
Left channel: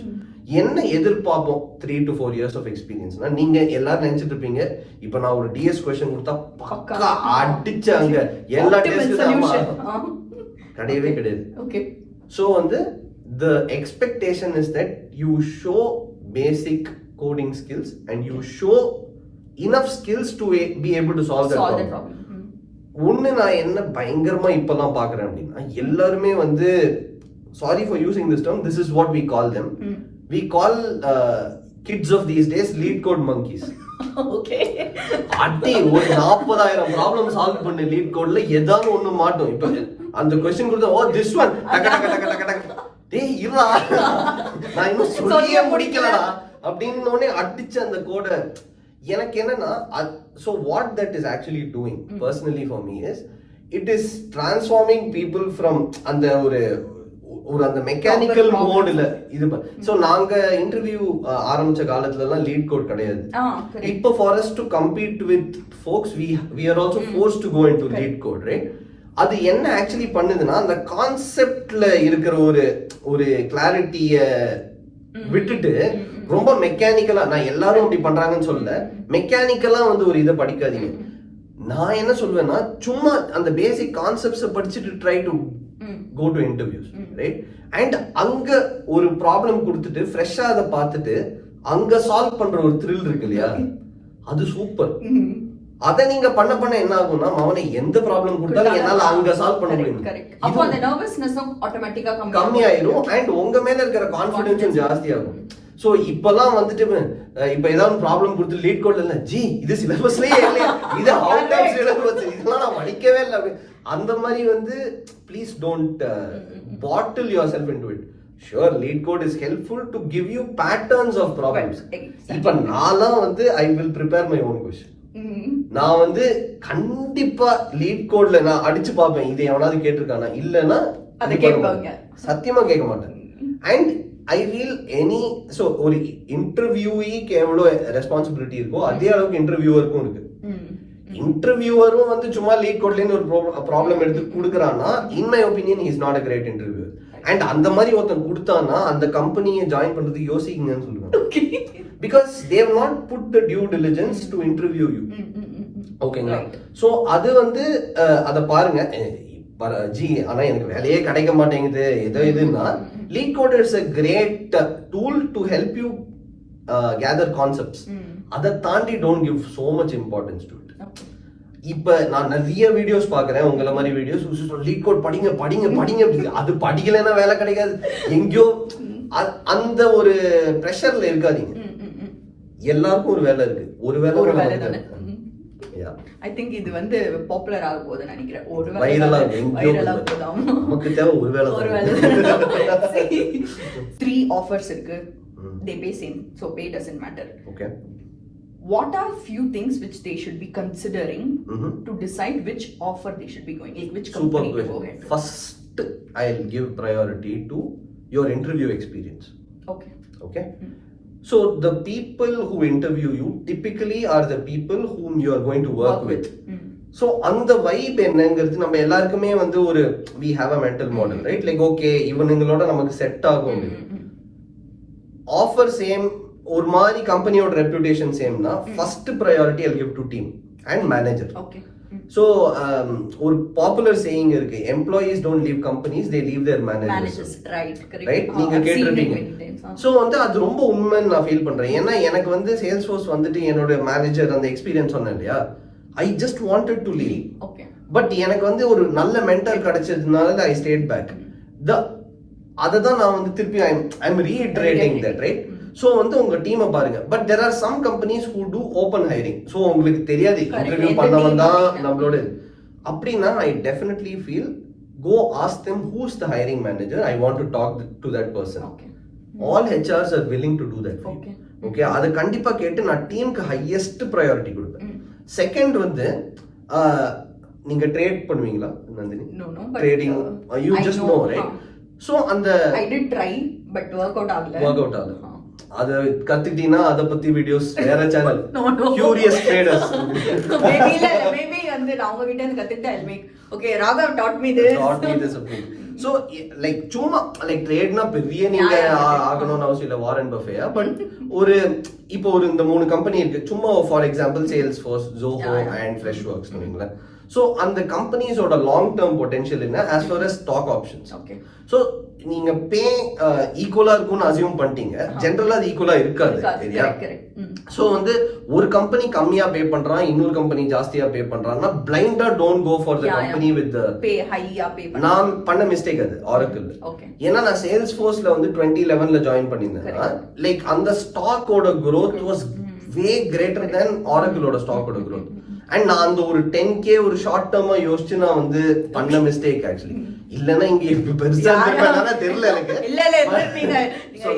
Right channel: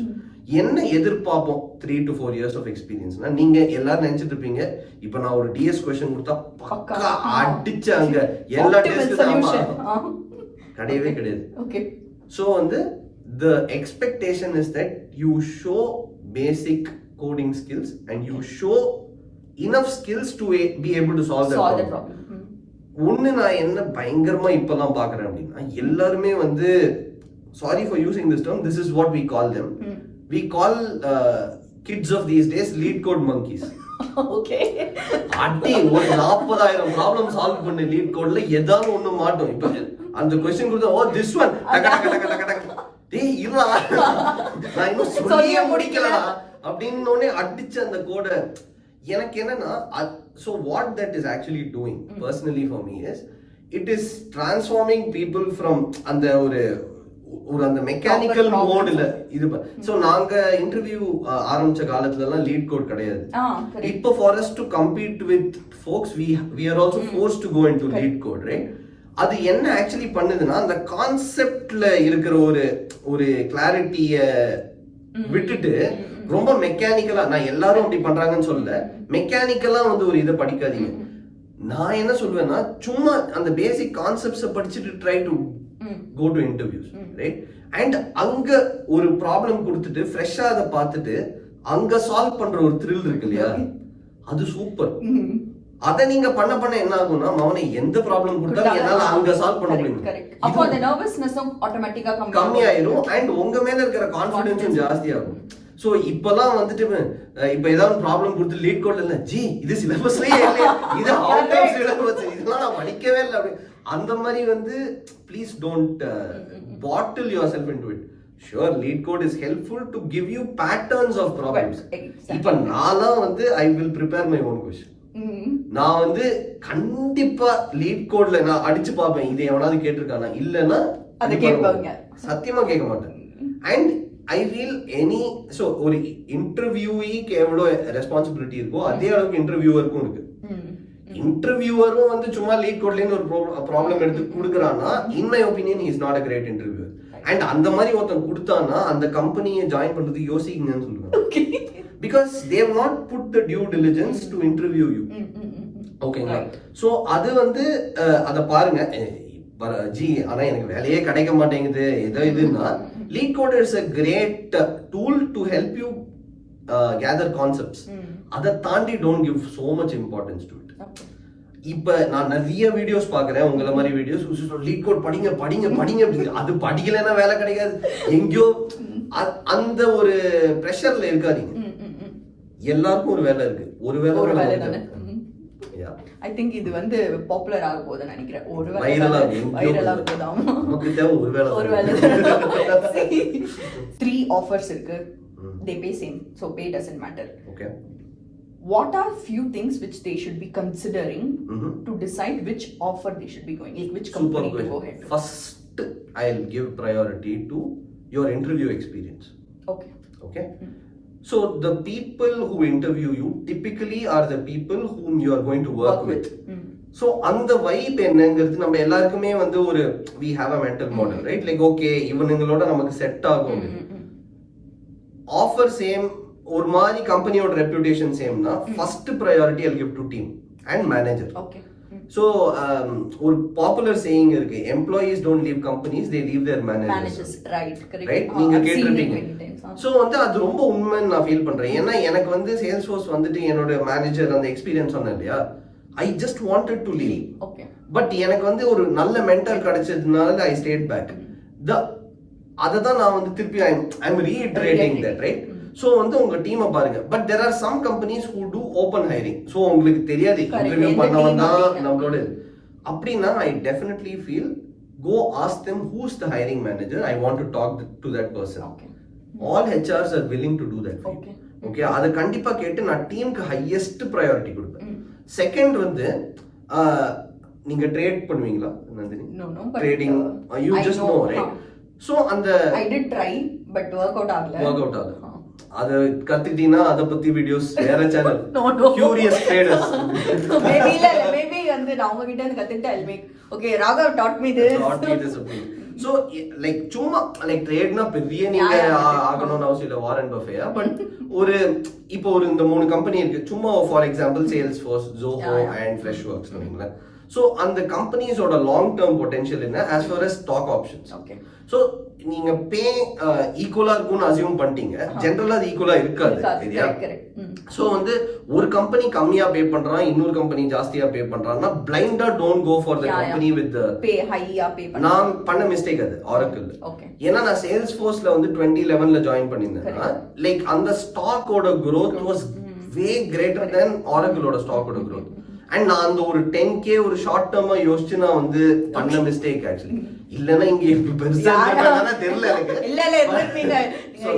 என்ன எதிர்பார்ப்போம் 3 to 4 years of experienceனா நீங்க எல்லாரும் நினைச்சிட்டு இருப்பீங்க இப்ப நான் ஒரு டிஎஸ் கொஸ்டின் கொடுத்தா பக்கா அடிச்சாங்க எல்லா டெஸ்ட்டும் கிடையவே கிடையாது. ஓகே ஸோ வந்து the expectation is that you show basic coding skills and you show enough skills to be able to solve that problem. ஒன்னு நான் என்ன பயங்கரமா இப்பெல்லாம் பாக்குறேன் அப்படின்னா எல்லாருமே வந்து sorry for using this term, this is what we call them. We call kids of these days Leetcode monkeys. Okay அடி ஒரு 40,000 ப்ராப்ளம் சால்வ் பண்ண லீட்கோட்ல ஏதாவது ஒண்ணு மாட்டோம். இப்ப அந்த क्वेश्चन கொடுத்தா ஓ திஸ் ஒன் டக டக டக டக டக டேய் இருடா நான் இன்னும் சொல்லியே முடிக்கலடா அப்படினோனே அடிச்ச அந்த கோட எனக்கு என்னன்னா so what that is actually doing personally for me is it is transforming people from அந்த ஒரு அந்த மெக்கானிக்கல் மோட்ல இது. சோ நாங்க இன்டர்வியூ ஆரம்பிச்ச காலத்துல எல்லாம் லீட் கோட் கிடையாது. இப்போ for us to compete with folks we are also forced to go into lead code, right? அது என்ன ஆக்சுவலி பண்ணுதுன்னா அந்த கான்செப்ட்ல இருக்கிற ஒரு கிளாரிட்டிய விட்டுட்டு ரொம்ப மெக்கானிக்கலா, நான் எல்லாரும் அப்படி பண்றாங்கன்னு சொல்லல, மெக்கானிக்கலா வந்து ஒரு இதை படிக்காதீங்க. நான் என்ன சொல்வேன்னா சும்மா அந்த பேசிக் கான்செப்ட்ஸை படிச்சுட்டு try to go to interviews, right? And அங்க ஒரு ப்ராப்ளம் கொடுத்துட்டு ஃப்ரெஷ்ஷா அதை பார்த்துட்டு அங்க சால்வ் பண்ற ஒரு த்ரில் இருக்கு இல்லையா, அது சூப்பர். அதை நீங்க பண்ண என்ன ஆகும்னா அவனை எந்த ப்ராப்ளம் கொடுத்தாலும் என்னால அங்க சால்வ் பண்ண முடியும். அப்போ அந்த நர்வஸ்னஸும் ஆட்டோமேட்டிக்கா கம்மியாயிரும் அண்ட் உங்க மேல இருக்கிற கான்ஃபிடன்ஸும் ஜாஸ்தி ஆகும். சோ இப்பெல்லாம் வந்துட்டு இப்ப ஏதாவது ப்ராப்ளம் கொடுத்து லீட் கோட்ல இல்ல ஜி இது சிலபஸ்லயே இல்லையா, இது அவுட் ஆஃப் சிலபஸ், இதெல்லாம் நான் படிக்கவே இல்லை அப்படி அந்த மாதிரி வந்து please don't bottle your self into it. Sure, LeetCode is helpful to give you patterns of problems. இப்ப நான்லாம் வந்து I will prepare my own question. நான் வந்து கண்டிப்பா LeetCodeல நான் அடிச்சு பார்ப்பேன் இது எவனாவது கேட்டிருக்கானா, இல்லைன்னா அது கேட்பாங்க, சத்தியமா கேட்க மாட்டேன். அண்ட் ஐ ஃபீல் ஸோ ஒரு இன்டர்வியூக்கு எவ்வளோ ரெஸ்பான்சிபிலிட்டி இருக்கோ அதே அளவுக்கு இன்டர்வியூவருக்கும் இருக்கு. இன்டர்வியூவரும் வந்து சும்மா LeetCodeலேருந்து ஒரு ப்ராப்ளம் எடுத்து கொடுக்குறான்னா in my opinion is not a great interviewer. And அந்த மாதிரி ஒருத்தன் கொடுத்தானா அந்த கம்பெனியை ஜாயின் பண்றதுக்கு யோசிக்கீங்கன்னு சொல்லுவாங்க. Because they have not put the due diligence to interview you. ஓகேங்களா? ஸோ அது வந்து அதை பாருங்க ஜி, ஆனா எனக்கு வேலையே கிடைக்க மாட்டேங்குது ஏதோ இதுன்னா LeetCode is a great tool to help you gather concepts. அதை தாண்டி don't give so much importance to it. இப்ப நான் நிறைய வீடியோஸ் பாக்குறேன் உங்களை மாதிரி வீடியோஸ், LeetCode படிங்க படிங்க படிங்க, அது படிக்கலைன்னா வேலை கிடைக்காது எங்கேயோ அந்த ஒரு பிரஷர்ல இருக்காதீங்க. எல்லாருக்கும் ஒரு வேலை இருக்கு, ஒரு வேலை I think இது வந்து பாப்புலர் ஆக போகுதுன்னு நினைக்கிறேன். ஒரு வைரலா போதும், நமக்கு தேவை ஒரு வேலை. 3 offers இருக்கு, they pay same, so pay doesn't matter. Okay. What are few things which they should be considering to decide which offer they should be going, like which company to go ahead? First, I'll give priority to your interview experience. Okay. So the people who interview you typically are the people whom you are going to work with. So அந்த vibe என்னங்கிறது நம்ம எல்லாருக்குமே வந்து ஒரு we have a mental model, right? Like okay இவனுங்களோட நமக்கு set ஆகும். Offer same, ஒரு மாதிரி கம்பெனியோட ரெப்யூட்டேஷன் சேம்னா first priority I'll give to team and manager. Okay. So ஒரு பாப்புலர் சேயிங் இருக்கு, employees don't leave companies, they leave their managers. Right, நீங்க கேட்டிருப்பீங்க. சோ வந்து அது ரொம்ப உண்மைன்னு நான் ஃபீல் பண்றேன். ஏன்னா எனக்கு வந்து Salesforce வந்துட்டு என்னோட மேனேஜர் அந்த எக்ஸ்பீரியன்ஸ் சொன்னேன் இல்லையா, I just wanted to leave. Okay. But எனக்கு வந்து ஒரு நல்ல மென்டர் கிடைச்சதுனால I stayed back. அததான் நான் வந்து திருப்பி I'm reiterating that, right? So வந்து உங்க டீமை பாருங்க. But there are some companies who do open hiring. So உங்களுக்கு தெரியாது இன்டர்வியூ பண்ணவன் தான் நம்மளோட அப்படின்னா I definitely feel go ask them who's the hiring manager, I want to talk to that person. All HRs are willing to do that. Okay, அதை கண்டிப்பா கேட்டு நான் டீமுக்கு ஹையஸ்ட் ப்ரையாரிட்டி கொடுப்பேன். செகண்ட் வந்து நீங்க ட்ரேட் பண்ணுவீங்களா Nandini? Trading you just know, right? So அந்த I did try but work out ஆகல. அது கத்துக்கிட்டீங்கன்னா அதை பத்தி வீடியோஸ் வேற சேனல் கியூரியஸ் ட்ரேடர்ஸ் மேபி வந்து நான் உங்க கிட்ட இருந்து கத்துக்கிட்டா I'll make okay Raghav taught me this so like சும்மா லைக் ட்ரேட்னா பெரிய நீங்க ஆகணும்னு அவசியம் இல்ல வாரன் பஃபேயா பட் ஒரு இப்போ ஒரு இந்த 3 கம்பெனி இருக்கு சும்மா for example Salesforce, Zoho and Freshworks சொன்னீங்களா சோ அந்த கம்பெனிஸோட லாங் டேர்ம் பொட்டன்ஷியல் என்ன as far as stock options okay so நீங்க பே ஈக்குவலா இருக்கும்னு அசியூம் பண்ணிட்டீங்க ஜெனரலா அது ஈக்குவலா இருக்காது சரியா சோ வந்து ஒரு கம்பெனி கம்மியா பே பண்றான் இன்னொரு கம்பெனி ஜாஸ்தியா பே பண்றான்னா பிளைண்டா don't go for the company with pay higher pay நான் பண்ண மிஸ்டேக் அது Oracle ஏன்னா நான் Salesforceல வந்து 2011ல ஜாயின் பண்ணிருந்தேன் லைக் அந்த ஸ்டாக்கோட growth was way greater than Oracleோட ஸ்டாக்கோட growth அண்ட் நான் அந்த ஒரு 10k ஒரு ஷார்ட் டேர்மா யோசிச்சு நான் வந்து பண்ண மிஸ்டேக் ஆக்சுவலி இல்லனா இங்க இப்ப பெருசா இருந்திருப்பேனா தெரியல எனக்கு இல்ல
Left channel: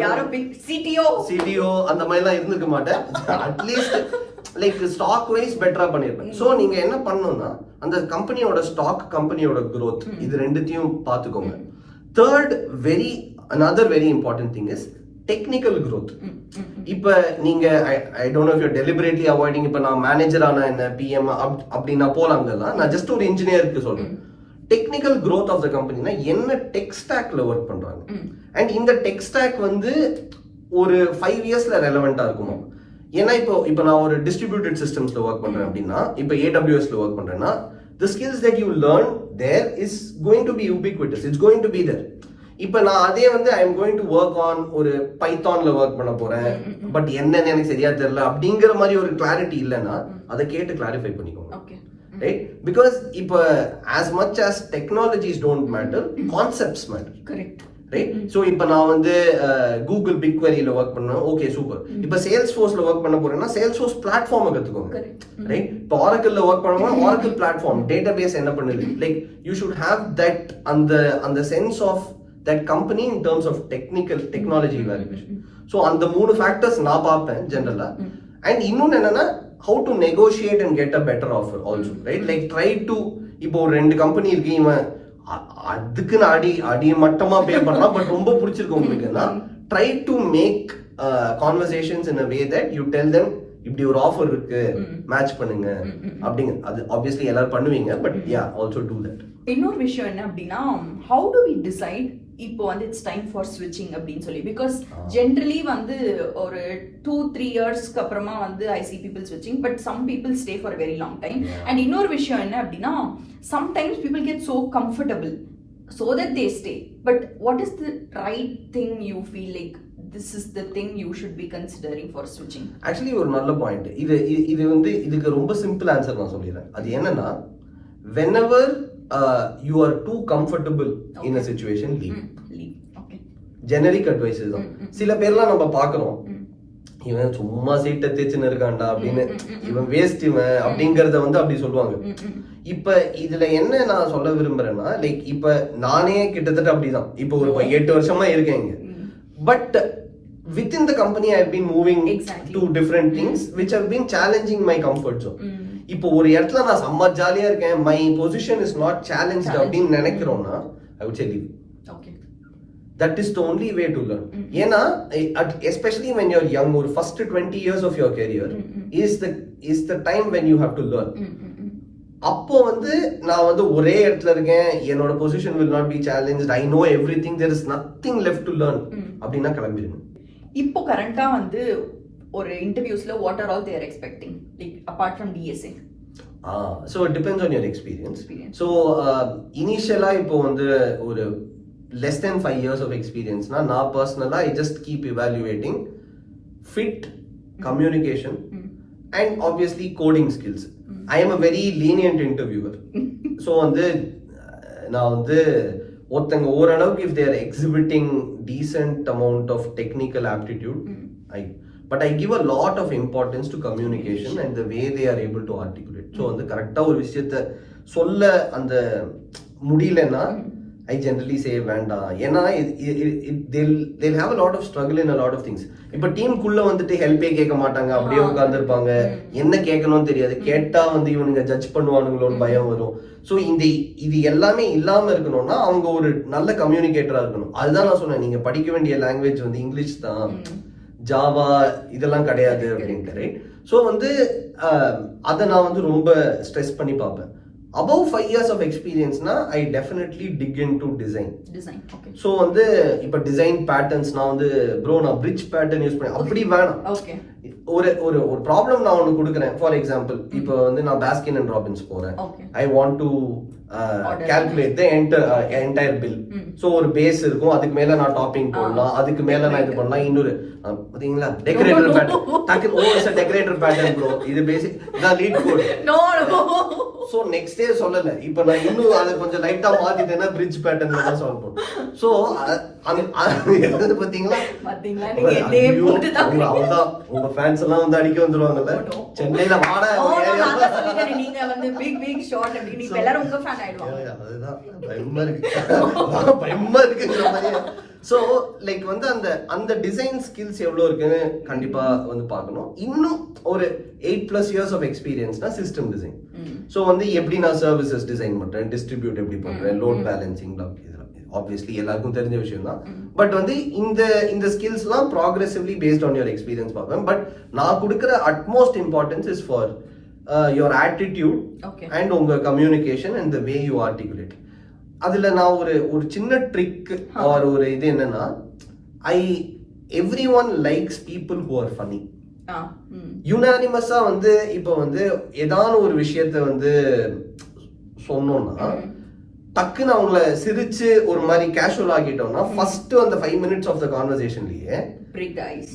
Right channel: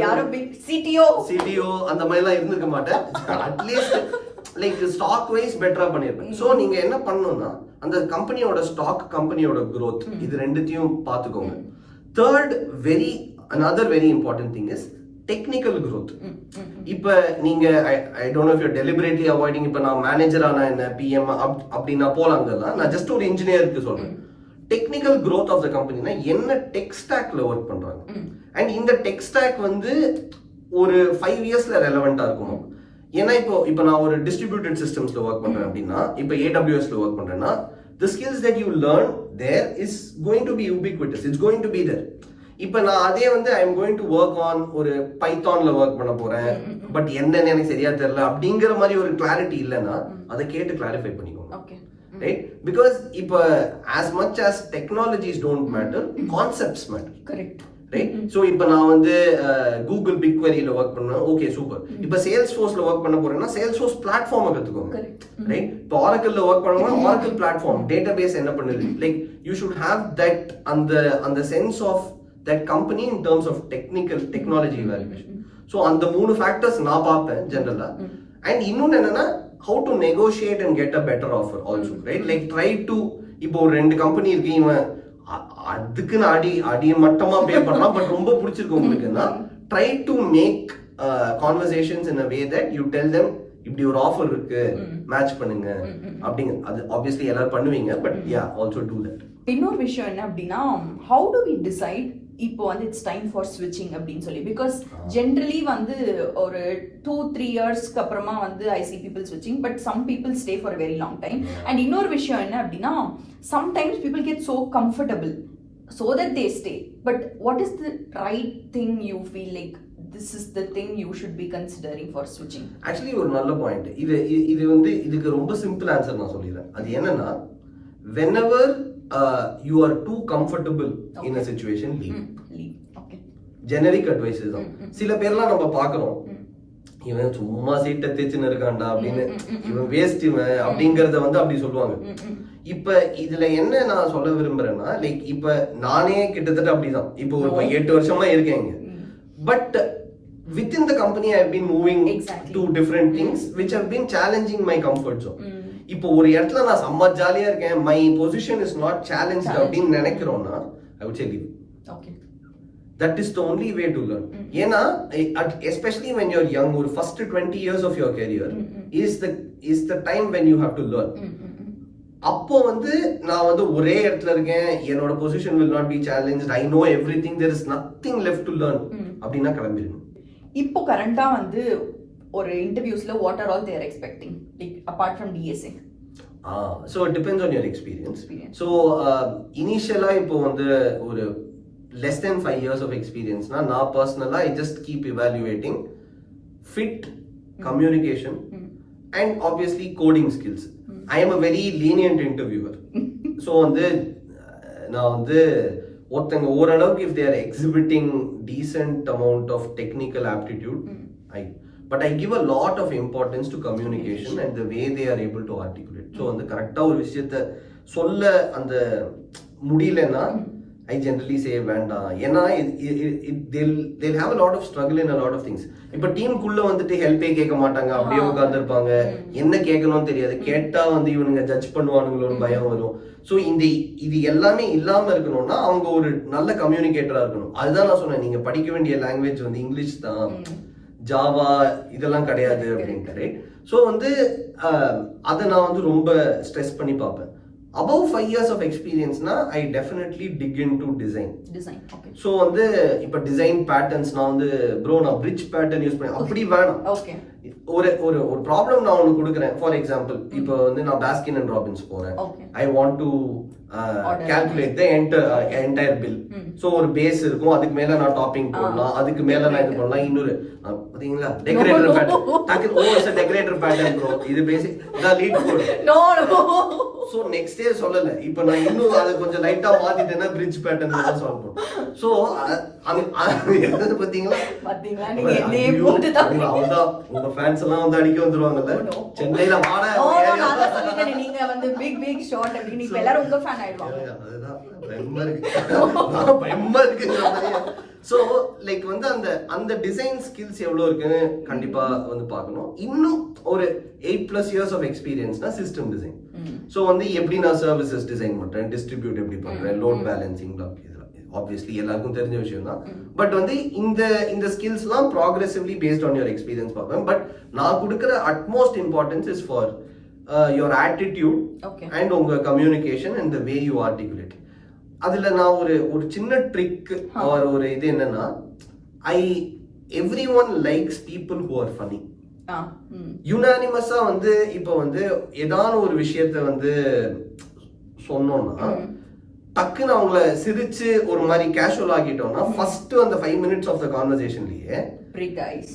யாரும் பிக் சிடிஓ அந்த மாதிரி எல்லாம் இருந்திருக்க மாட்டேன் அட்லீஸ்ட் லைக் ஸ்டாக் வைஸ் பெட்டரா பண்ணிருப்பேன் சோ நீங்க என்ன பண்ணணும்னா அந்த கம்பெனியோட ஸ்டாக் கம்பெனியோட growth இது ரெண்டுத்தையும் பாத்துக்கோங்க third another very important thing is technical growth இப்ப நீங்க ஐ don't know if you deliberately avoiding இப்ப நான் மேனேஜர் ஆனா என்ன பிஎம் அப்படின்னா போலாங்கலாம் நான் ஜஸ்ட் ஒரு இன்ஜினியருக்கு சொல்றேன் டெக்னிக்கல் growth ஆஃப் த கம்பெனினா என்ன டெக் ஸ்டாக்ல ஒர்க் பண்றாங்க அண்ட் இந்த டெக் ஸ்டாக் வந்து ஒரு 5 இயர்ஸ்ல ரெலவெண்டா இருக்குமா ஏன்னா இப்போ நான் ஒரு டிஸ்ட்ரிபியூட்டட் சிஸ்டம்ஸ்ல ஒர்க் பண்றேன் அப்படின்னா இப்போ AWSல ஒர்க் பண்றேன்னா the skills that you learn there is going to be ubiquitous, it's going to be there. இப்போ நான் அதே வந்து I am going to work on ஒரு பைத்தான்ல ஒர்க் பண்ண போறேன் பட் என்னன்னு எனக்கு சரியா தெரியல அப்படிங்கிற மாதிரி ஒரு கிளாரிட்டி இல்லைன்னா அதை கேட்டு கிளாரிஃபை பண்ணிக்கோங்க ரைட் பிகாஸ் இப்போ as much as technologies don't matter concepts matter correct right so இப்போ நான் வந்து கூகுள் பிக்வெரியில ஒர்க் பண்ணேன் ஓகே சூப்பர் இப்போ Salesforceல ஒர்க் பண்ண போறேன்னா Salesforce பிளாட்ஃபார்மை கத்துக்கோங்க ரைட் இப்போ Oracleல ஒர்க் பண்ணும்போது Oracle பிளாட்ஃபார்ம் டேட்டாபேஸ் என்ன பண்ணுது like you should have that அந்த sense of that company in terms of technology evaluation. So அந்த 3 factors நான் பார்ப்பேன் ஜெனரலா அண்ட் இன்னொன்னு என்னன்னா how to negotiate and get a better offer also right like try to இப்போ ஒரு 2 கம்பெனி இருக்கு இவன் அதுக்கு அடி மட்டமா பே பண்றான் பட் ரொம்ப பிடிச்சிருக்கு உங்களுக்குன்னா try to make conversations in a way that you tell them இப்படி ஒரு ஆஃபர் இருக்கு மேட்ச் பண்ணுங்க அப்படிங்க அது ஆப்வியஸ்லி எல்லாரும் பண்ணுவீங்க but yeah also do that இன்னொரு விஷயம் என்ன அப்படின்னா how do we decide இப்போ வந்து இட்ஸ் டைம் ஃபார் ஸ்விட்சிங் அப்படின்னு சொல்லி பிகாஸ் ஜென்ரலி வந்து ஒரு 2-3 இயர்ஸ்க்கு அப்புறமா வந்து ஐ சி பீப்புள் ஸ்விட்சிங் but some people stay for very long time and இன்னொரு விஷயம் என்ன அப்படின்னா sometimes people get so comfortable so that they stay but what is the right thing you feel like this is the thing you should be considering for switching actually ஒரு நல்ல point இது வந்து இதுக்கு ரொம்ப சிம்பிள் ஆன்சர் நான் சொல்லிடுறேன் அது என்னன்னா whenever you are too comfortable in a situation leave okay generic advice தான் சில பேர்லாம் நம்ம பார்க்கறோம் இவன் சும்மா சீட்டை தேய்ச்சுன்னு இருக்கான்டா அப்படின்னு இவன் வேஸ்ட் இவன் அப்படிங்கறத வந்து அப்படி சொல்லுவாங்க இப்ப இதுல என்ன நான் சொல்ல விரும்புறேன்னா லைக் இப்ப நானே கிட்டத்தட்ட அப்படிதான் இப்போ ஒரு 8 வருஷமா இருக்கேங்க but within the company I have been moving to different things which have been challenging my comfort zone இப்போ ஒரு இடத்துல நான் செம்ம ஜாலியா இருக்கேன் my position is not challenged அப்படின்னு நினைக்கிறோம்னா I would say leave okay that is the only way to learn ஏன்னா especially when you're young or first 20 years of your career is the time when you have to learn அப்போ வந்து நான் வந்து ஒரே இடத்துல இருக்கேன் என்னோட position will not be challenged I know everything there is nothing left to learn அப்படின்னா கிளம்பிடுங்க இப்போ கரண்டா வந்து ஒரு இன்டர்வியூஸ்ல what are all they are expecting like apart from DSA so it depends on your experience so initially இப்போ வந்து ஒரு less than 5 years of experience na personally I just keep evaluating fit communication and obviously coding skills I am a very lenient interviewer so வந்து நான் வந்து ஒருத்தங்க ஓரளவுக்கு if they are exhibiting decent amount of technical aptitude but I give a lot of importance to communication and the way they are able to articulate so வந்து கரெக்ட்டா ஒரு விஷயத்தை சொல்ல அந்த முடியலனா I generally say வேண்டாம் ஏன்னா they'll have a lot of struggle in a lot of things இப்போ டீமுக்குள்ள வந்துட்டு ஹெல்ப்பே கேட்க மாட்டாங்க அப்படியே உட்கார்ந்துருப்பாங்க என்ன கேட்கணும்னு தெரியாது கேட்டா வந்து இவனுங்க ஜட்ஜ் பண்ணுவானுங்களோன்னு பயம் வரும் ஸோ இது எல்லாமே இல்லாம இருக்கணும்னா அவங்க ஒரு நல்ல கம்யூனிகேட்டரா இருக்கணும் அதுதான் நான் சொன்னேன் நீங்க படிக்க வேண்டிய லாங்குவேஜ் வந்து இங்கிலீஷ் தான் ஜாவா இதெல்லாம் கிடையாது அப்படின்ட்டு, ரைட்? ஸோ வந்து அதை நான் வந்து ரொம்ப ஸ்ட்ரெஸ் பண்ணி பார்ப்பேன். above 5 years of experience na I definitely dig into design. Okay. So வந்து இப்ப டிசைன் பேட்டர்ன்ஸ் நான் வந்து ப்ரோ நான் bridge pattern யூஸ் பண்ணேன் அப்படி வேணாம். ஓகே. ஒரு ப்ராப்ளம் நான் உங்களுக்கு கொடுக்குறேன். ஃபார் எக்ஸாம்பிள் இப்போ வந்து நான் பாஸ்கின் அண்ட் ராபின்ஸ் போறேன். ஐ want to calculate the entire bill. So ஒரு பேஸ் இருக்கும், அதுக்கு மேல நான் டாப்பிங் போடலாம், அதுக்கு மேல நான் இது பண்ணலாம். இன்னொரு பாத்தீங்களா decorator pattern. It's a decorator pattern bro. இது பேசிக் நான் LeetCode. No. So next day சொல்லல, இப்போ நான் இன்னும் அதை கொஞ்சம் லைட்டா மாத்திட்டேன்னா பிரிட்ஜ் பேட்டர்ன் தான் சால்வ் பண்ணும். சோ அது பாத்தீங்களா நீங்க என்னையே போட்டு தான் உங்க ஃபேன்ஸ் எல்லாம் வந்து அடிக்க வந்துருவாங்கல்ல சென்னையில வாடா நீங்க வந்து பிக் ஷாட் அப்படி நீங்க எல்லாரும் உங்க ஃபேன் ஆயிடுவாங்க. அதுதான் பயமா இருக்கு. சோ லைக் வந்து அந்த டிசைன் ஸ்கில்ஸ் எவ்வளவு இருக்குன்னு கண்டிப்பா வந்து பார்க்கணும். இன்னும் ஒரு 8+ years of experienceனா சிஸ்டம் டிசைன். சோ வந்து எப்படி நான் சர்வீசஸ் டிசைன் பண்றேன், டிஸ்ட்ரிபியூட் எப்படி பண்றேன், லோட் பேலன்சிங், ஆப்வியஸ்லி எல்லாருக்கும் தெரிஞ்ச விஷயம் தான். பட் வந்து இந்த ஸ்கில்ஸ்லாம் progressively based on your experience பார்ப்பேன். பட் நான் கொடுக்குற utmost importance is for your attitude and உங்க communication and the way you articulate. அதுல நான் ஒரு சின்ன ட்ரிக் ஒரு இது என்னன்னா, everyone likes people who are funny. யுனானிமஸா வந்து இப்ப வந்து ஏதான ஒரு விஷயத்த வந்து சொன்னோம்னா டக்குன்னு அவங்கள சிரிச்சு ஒரு மாதிரி கேஷுவல் ஆகிட்டோம்னா ஃபர்ஸ்ட் அந்த 5 minutes ஆஃப் த கான்வர்சேஷன்லயே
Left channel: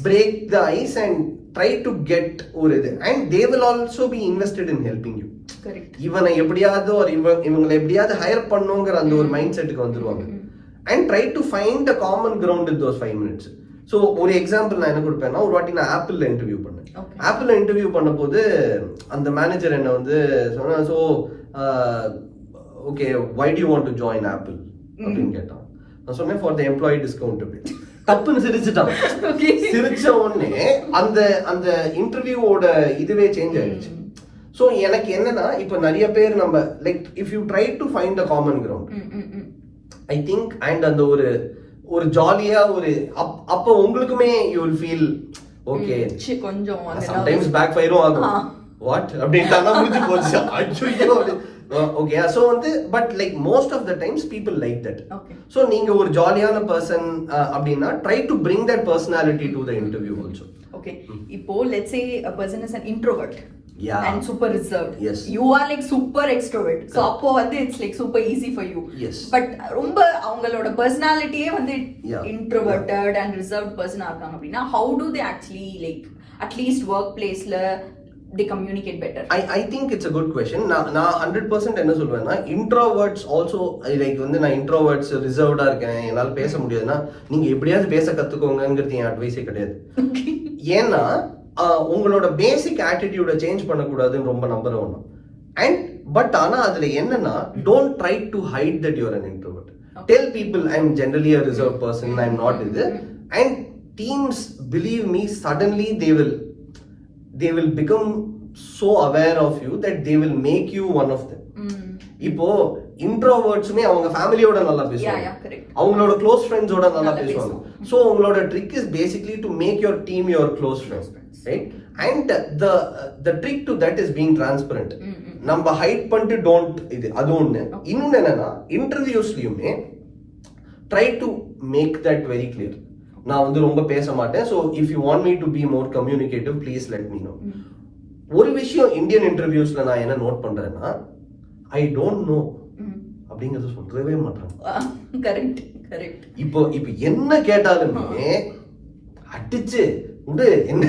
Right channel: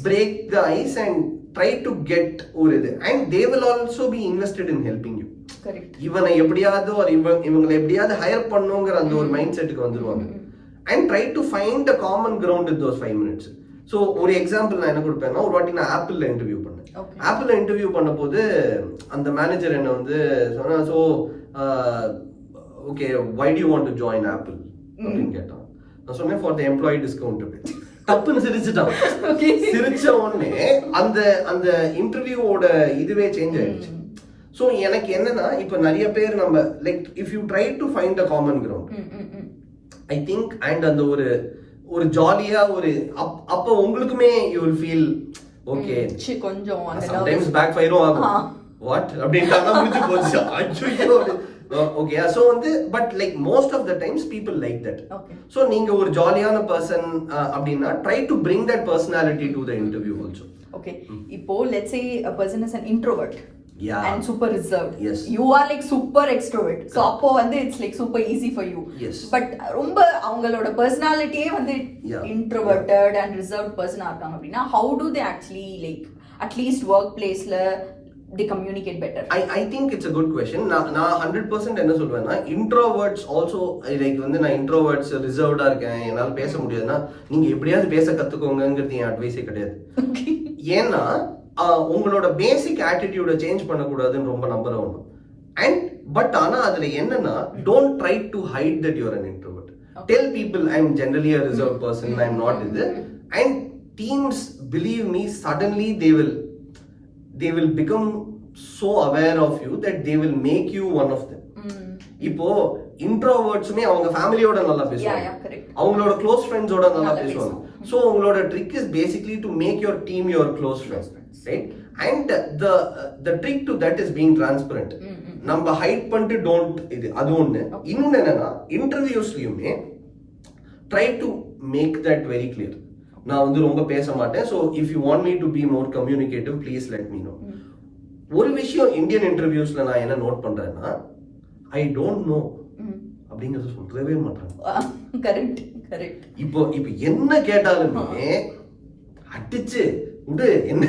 break the ice and try to get ஒரு இது, and they will also be invested in helping you. இவனை எப்படியாவது ஒரு இவங்களை எப்படியாவது ஹையர் பண்ணுங்கிற அந்த ஒரு மைண்ட் செட்டுக்கு வந்துருவாங்க. And try to find a common ground with those 5 minutes. So ஒரு எக்ஸாம்பிள் நான் என்ன கொடுப்பேன்னா, ஒரு வாட்டி நான் ஆப்பிள்ல இன்டர்வியூ பண்ணேன். ஆப்பிள்ல இன்டர்வியூ பண்ண போது அந்த மேனேஜர் என்ன வந்து சொன்னா, so okay why do you want to join Apple அப்படின்னு கேட்டான். நான் சொன்னேன் ஃபார் த எம்ப்ளாயி டிஸ்கவுண்ட் அப்படின்னு. தப்புன்னு சிரிச்சுட்டான். சிரிச்ச உடனே அந்த இன்டர்வியூவோட இதுவே சேஞ்ச் ஆயிடுச்சு. ஸோ எனக்கு என்னன்னா, இப்போ நிறைய பேர் நம்ம like if you try to find a common ground I think and அந்த ஒரு ஜாலியா ஒரு அப்ப உங்களுக்குமே யூ வில் ஃபீல் ஓகே. கொஞ்சம் சம்டைம்ஸ் பேக் ஃபயரும் ஆகும். வாட் அப்படின்ட்டானா முடிஞ்சு போச்சு. ஐயோ ஓகே. சோ வந்து but like most of the times people like that. So நீங்க ஒரு ஜாலியான பர்சன் அப்படின்னா try to bring that personality to the interview also. Okay. இப்போ let's say a person is an introvert. Yeah. And super reserved. Yes. You are like super extrovert. So appo வந்து it's like super easy for you. Yes. But ரொம்ப அவங்களோட personality வந்து introverted and reserved person இருக்காங்க அப்படினா how do they actually like at least workplaceல they communicate better? I think it's a good question. நான் 100% என்ன சொல்வேன்னா, introverts also like வந்து நான் introverts reservedா இருக்கேன், என்னால பேச முடியாதுன்னா நீங்க எப்படியாவது பேச கத்துக்கோங்கங்கிறது என் அட்வைஸே கிடையாது. ஏன்னா உங்களோட பேசிக் ஆட்டிடியூட சேஞ்ச் பண்ணக்கூடாதுன்னு ரொம்ப நம்புறவங்க. அண்ட் பட் ஆனா அதுல என்னன்னா, don't try to hide that you're an introvert. Tell people I am generally a reserve person, I am not இது. And teams believe me suddenly they will become so aware of you that they will make you one of them. இப்போ இன்ட்ரோவர்ட்ஸ்மே அவங்க ஃபேமிலியோட நல்லா பேசுவாங்க, அவங்களோட close ஃப்ரெண்ட்ஸோட நல்லா பேசுவாங்க. ஸோ உங்களோட trick is basically to make your team your close friends, right? And the trick to that is being transparent. நம்ம ஹைட் பண்ணிட்டு டோன்ட் இது அது ஒண்ணு. இன்னொன்னு என்னன்னா, இன்டர்வியூஸ்லயுமே try to make that very clear. நான் வந்து ரொம்ப பேச மாட்டேன், so if you want me to be more communicative please let me know. ஒரு விஷயம் இந்தியன் இன்டர்வியூஸ்ல நான் என்ன நோட் பண்றேன்னா, ஐ டோன்ட் நோ அப்படிங்கறத சொல்லவே மாட்டாங்க. இப்போ என்ன கேட்டாலுமே அடிச்சு விடு, என்ன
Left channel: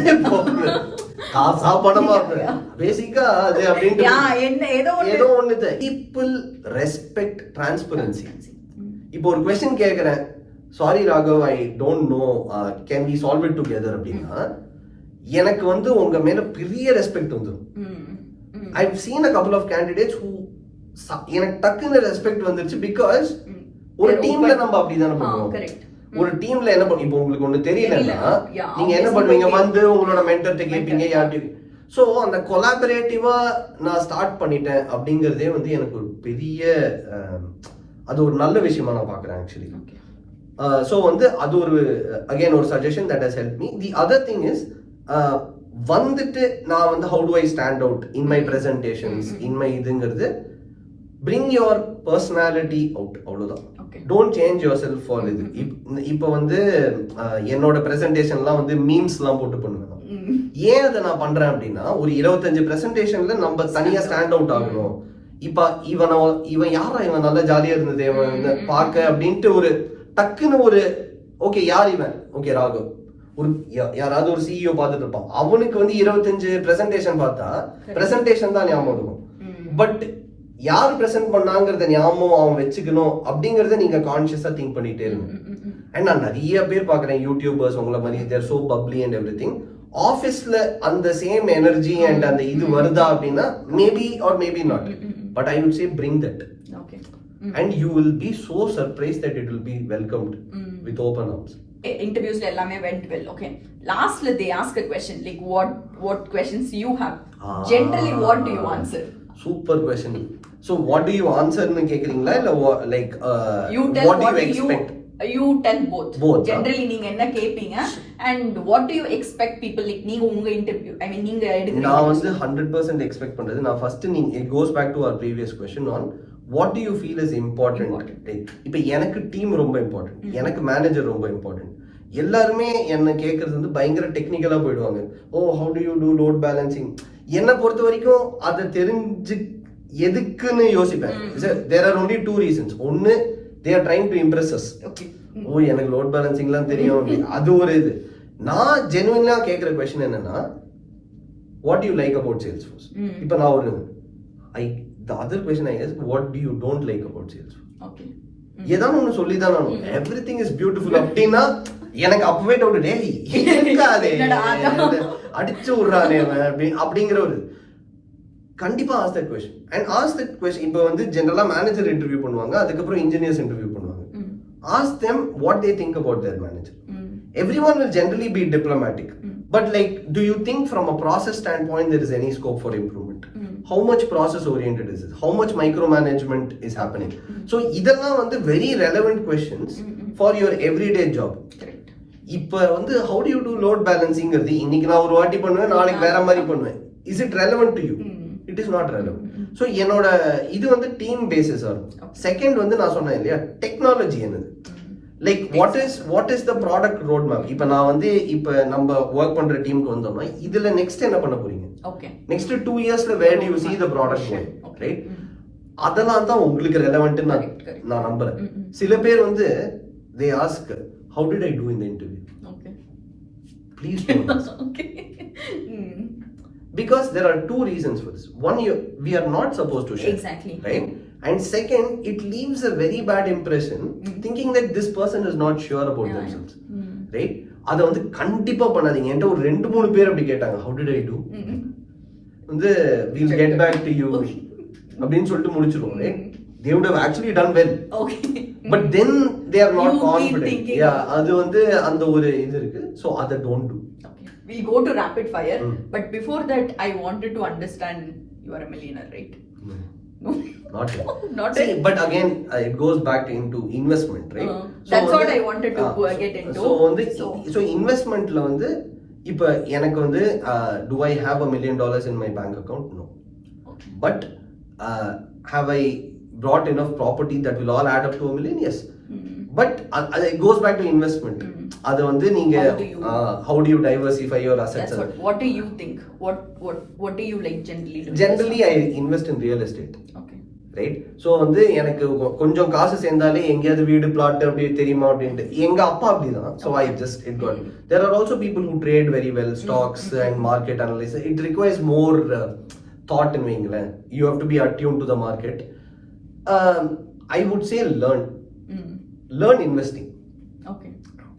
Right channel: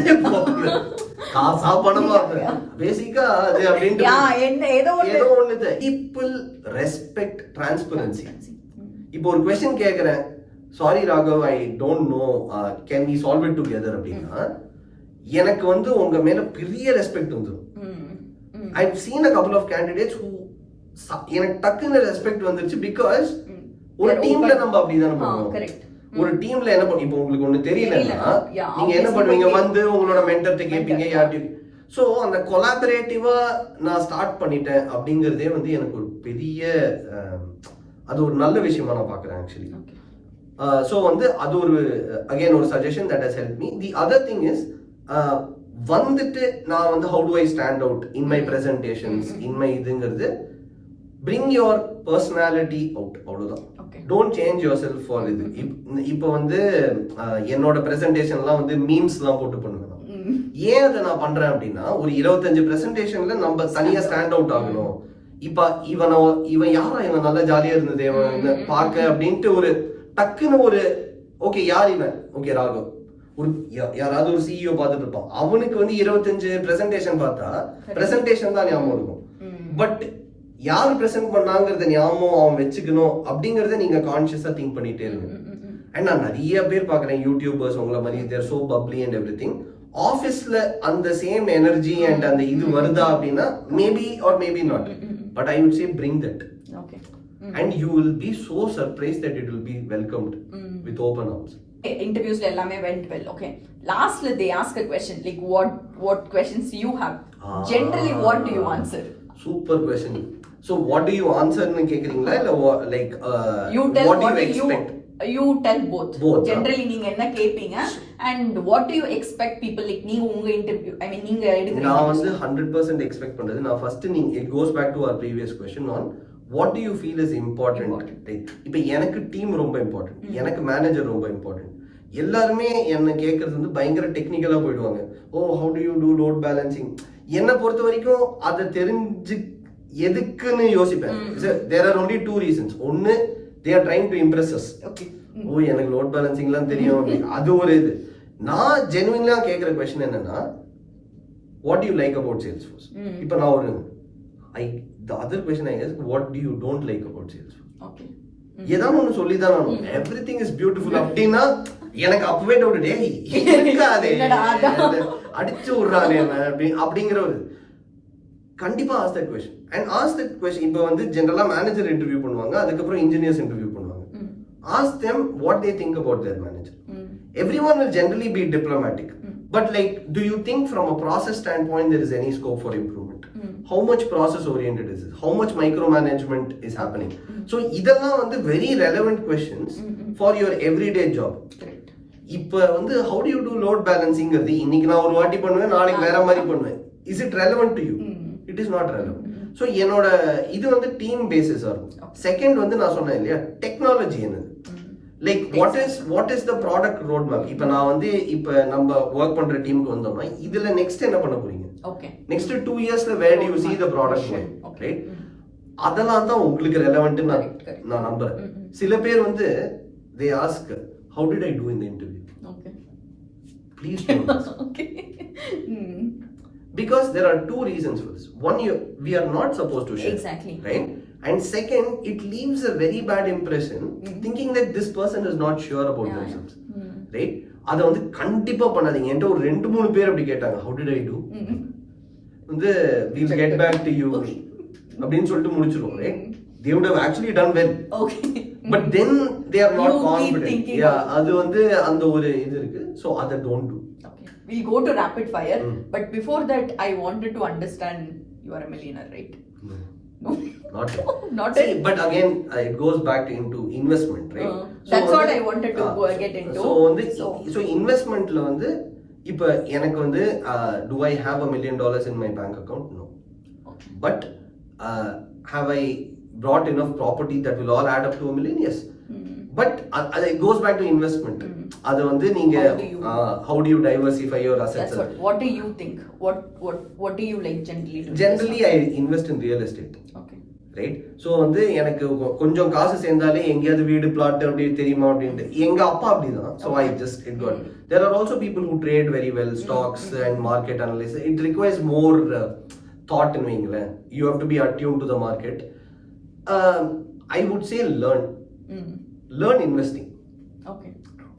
காசா பணமா பேசிக்கா அது அப்படின்ட்டு ஏதோ ஒண்ணு. People respect transparency. இப்போ ஒரு கொஸ்டின் கேக்குறேன், sorry Raghav I don't know, can we solve it together அப்படின்னா எனக்கு வந்து உங்க மேல பெரிய ரெஸ்பெக்ட் வந்துடும். I have seen a couple of candidates who எனக்கு டக்குன்னு ரெஸ்பெக்ட் வந்துருச்சு. பிகாஸ் ஒரு டீம்ல நம்ம அப்படிதானே பண்ணுவோம். ஒரு டீம்ல என்ன பண்ணுவோம், இப்போ உங்களுக்கு ஒண்ணு தெரியலன்னா நீங்க என்ன பண்ணுவீங்க, வந்து உங்களோட மென்டர்ட்ட கேட்பீங்க யார்கிட்ட. ஸோ அந்த கொலாபரேட்டிவா நான் ஸ்டார்ட் பண்ணிட்டேன் அப்படிங்கறதே வந்து எனக்கு ஒரு பெரிய அது ஒரு நல்ல விஷயமா நான் பாக்குறேன் ஆக்சுவலி. ஸோ வந்து அது ஒரு அகெயின் ஒரு suggestion that has help me. The other thing is வந்துட்டு நான் வந்து how do I stand out in my presentations in my இதுங்கிறது bring your personality out, அவ்வளவுதான். Don't change yourself for இது. இப்போ வந்து என்னோட ப்ரெசன்டேஷன்லாம் வந்து மீம்ஸ்லாம் போட்டு பண்ணுவேன். ஏன் அதை நான் பண்றேன் அப்படின்னா ஒரு 25 ப்ரெசன்டேஷன்ல நம்ம தனியா ஸ்டாண்ட் அவுட் ஆகணும். இப்ப இவன் யாரா இவன் நல்லா ஜாலியா இருந்தது இவன் பார்க்க அப்படின்ட்டு ஒரு டக்குன்னு ஒரு ஓகே யார் இவன், ஓகே ராகவ், ஒரு யாராவது ஒரு சிஇஓ பார்த்துட்டு இருப்பான், அவனுக்கு வந்து 25 ப்ரெசன்டேஷன் பார்த்தா ப்ரெசன்டேஷன் தான் ஞாபகம் இருக்கும். பட் யார் ப்ரெசென்ட் பண்ணாங்கிறத ஞாபகம் அவன் வச்சுக்கணும் அப்படிங்கறத நீங்க கான்சியஸா திங்க் பண்ணிட்டே இருங்க. அண்ட் நான் நிறைய பேர் பாக்குறேன் யூடியூபர்ஸ் உங்களை மாதிரி they're so bubbly and everything. ஆஃபீஸ்ல அந்த சேம் எனர்ஜி அண்ட் அந்த இது வருதா அப்படின்னா maybe or maybe not, but I would say bring that and you will be so surprise that it will be welcomed with open arms. Interviews எல்லாமே went well. Okay, lastly they ask a question like what questions you have, generally what do you answer? Super question. So what do you answer னு கேக்குறீங்களா இல்ல like you tell what do you expect? You tell both generally நீங்க என்ன கேப்பீங்க and what do you expect people like நீங்க உங்க interview I mean நீங்க எடுக்குறீங்க. நான் வந்து 100% எக்ஸ்பெக்ட் பண்றது நான் ஃபர்ஸ்ட் நீங்க it goes back to our previous question on what do you feel is important. இப்போ எனக்கு டீம் ரொம்ப இம்பார்ட்டன்ட், எனக்கு மேனேஜர் ரொம்ப இம்பார்ட்டன்ட். எல்லாருமே என்ன கேட்கறது வந்து பயங்கர டெக்னிக்கலா போயிடுவாங்க. ஓ how do you do load balancing? என்னை பொறுத்த வரைக்கும் அதை தெரிஞ்சு எதுக்குன்னு யோசிப்பேன். there are only two reasons. ஒன்னு they are trying to impress us. ஓ எனக்கு லோட் பேலன்சிங்லாம் தெரியும், அது ஒரு இது. நான் ஜெனுவினா கேட்குற கொஸ்டின் என்னன்னா what do you like about Salesforce? இப்போ நான் ஒரு the other question I ask, what do you don't like about Salesforce? Okay. ஏதாவது ஒன்று சொல்லி தான் நான் everything is beautiful அப்படின்னா எனக்கு அப்பவே டவுட் அடிச்சு விடுறானே அப்படிங்கிற ஒரு கண்டிப்பா ask that question and ask that question. இப்போ வந்து ஜெனரலா மேனேஜர் இன்டர்வியூ பண்ணுவாங்க, அதுக்கப்புறம் இன்ஜினியர்ஸ் இன்டர்வியூ பண்ணுவாங்க. Ask them what they think about their manager. Everyone will generally be diplomatic, but like do you think from a process standpoint there is any scope for improvement? How much process oriented is it? How much micromanagement is happening? So இதெல்லாம் வந்து very relevant questions for your everyday job. இப்போ வந்து how do you do load balancing ங்கிறது இன்னைக்கு நான் ஒரு வாட்டி பண்ணுவேன், நாளைக்கு வேற மாதிரி பண்ணுவேன். Is it relevant to you? It is not relevant. So என்னோட இது வந்து டீம் பேசிஸா இருக்கும். செகண்ட் வந்து நான் சொன்னேன் இல்லையா டெக்னாலஜி என்னது, like what is the product road map. இப்போ நான் வந்து இப்போ நம்ம ஒர்க் பண்ற டீமுக்கு வந்தோம்னா இதுல நெக்ஸ்ட் என்ன பண்ண போறீங்க, நெக்ஸ்ட் 2 இயர்ஸ்ல where do you see the product going, right? அதெல்லாம் தான் உங்களுக்கு ரெலவென்ட் நான் நம்புறேன். சில பேர் வந்து they ask how did I do in the interview? Please don't ask. Because there are two reasons for this. One, we are not supposed to share. Exactly. Right? And second, it leaves a very bad impression thinking that this person is not sure about themselves. Right? அதை வந்து கண்டிப்பா பண்ணாதீங்க. என்கிட்ட ஒரு 2-3 பேர் அப்படி கேட்டாங்க how did I do? வந்து we'll get back to you அப்படின்னு சொல்லிட்டு முடிச்சிருவோம். Right? They would have actually done well. Okay. But then they are not confident. Yeah, அது வந்து அந்த ஒரு இது இருக்கு. So அதை don't do. We'll go to rapid fire, but before that I wanted to understand you are a millionaire, right? No, not yet. Not yet. But again it goes back into investment, right? That's what I wanted to get into. So investmentல வந்து இப்போ எனக்கு வந்து do I have $1 million in my bank account? No. Okay. But have I brought enough property that will all add up to $1 million? Yes. But it goes back to investment. அது வந்து நீங்க how do you diversify your assets? That's what do you think? What do you like generally I invest in real estate. Okay. Right? So வந்து எனக்கு கொஞ்சம் காசு சேர்ந்தாலே எங்கயாவது வீடு plot அப்படி தெரியுமா அப்படின்ட்டு எங்க அப்பா அப்படிதான். So I just it got. There are also people who trade very well stocks and market analysis. It requires more thought in வைங்களேன். You have to be attuned to the market. I would say learn investing. Okay.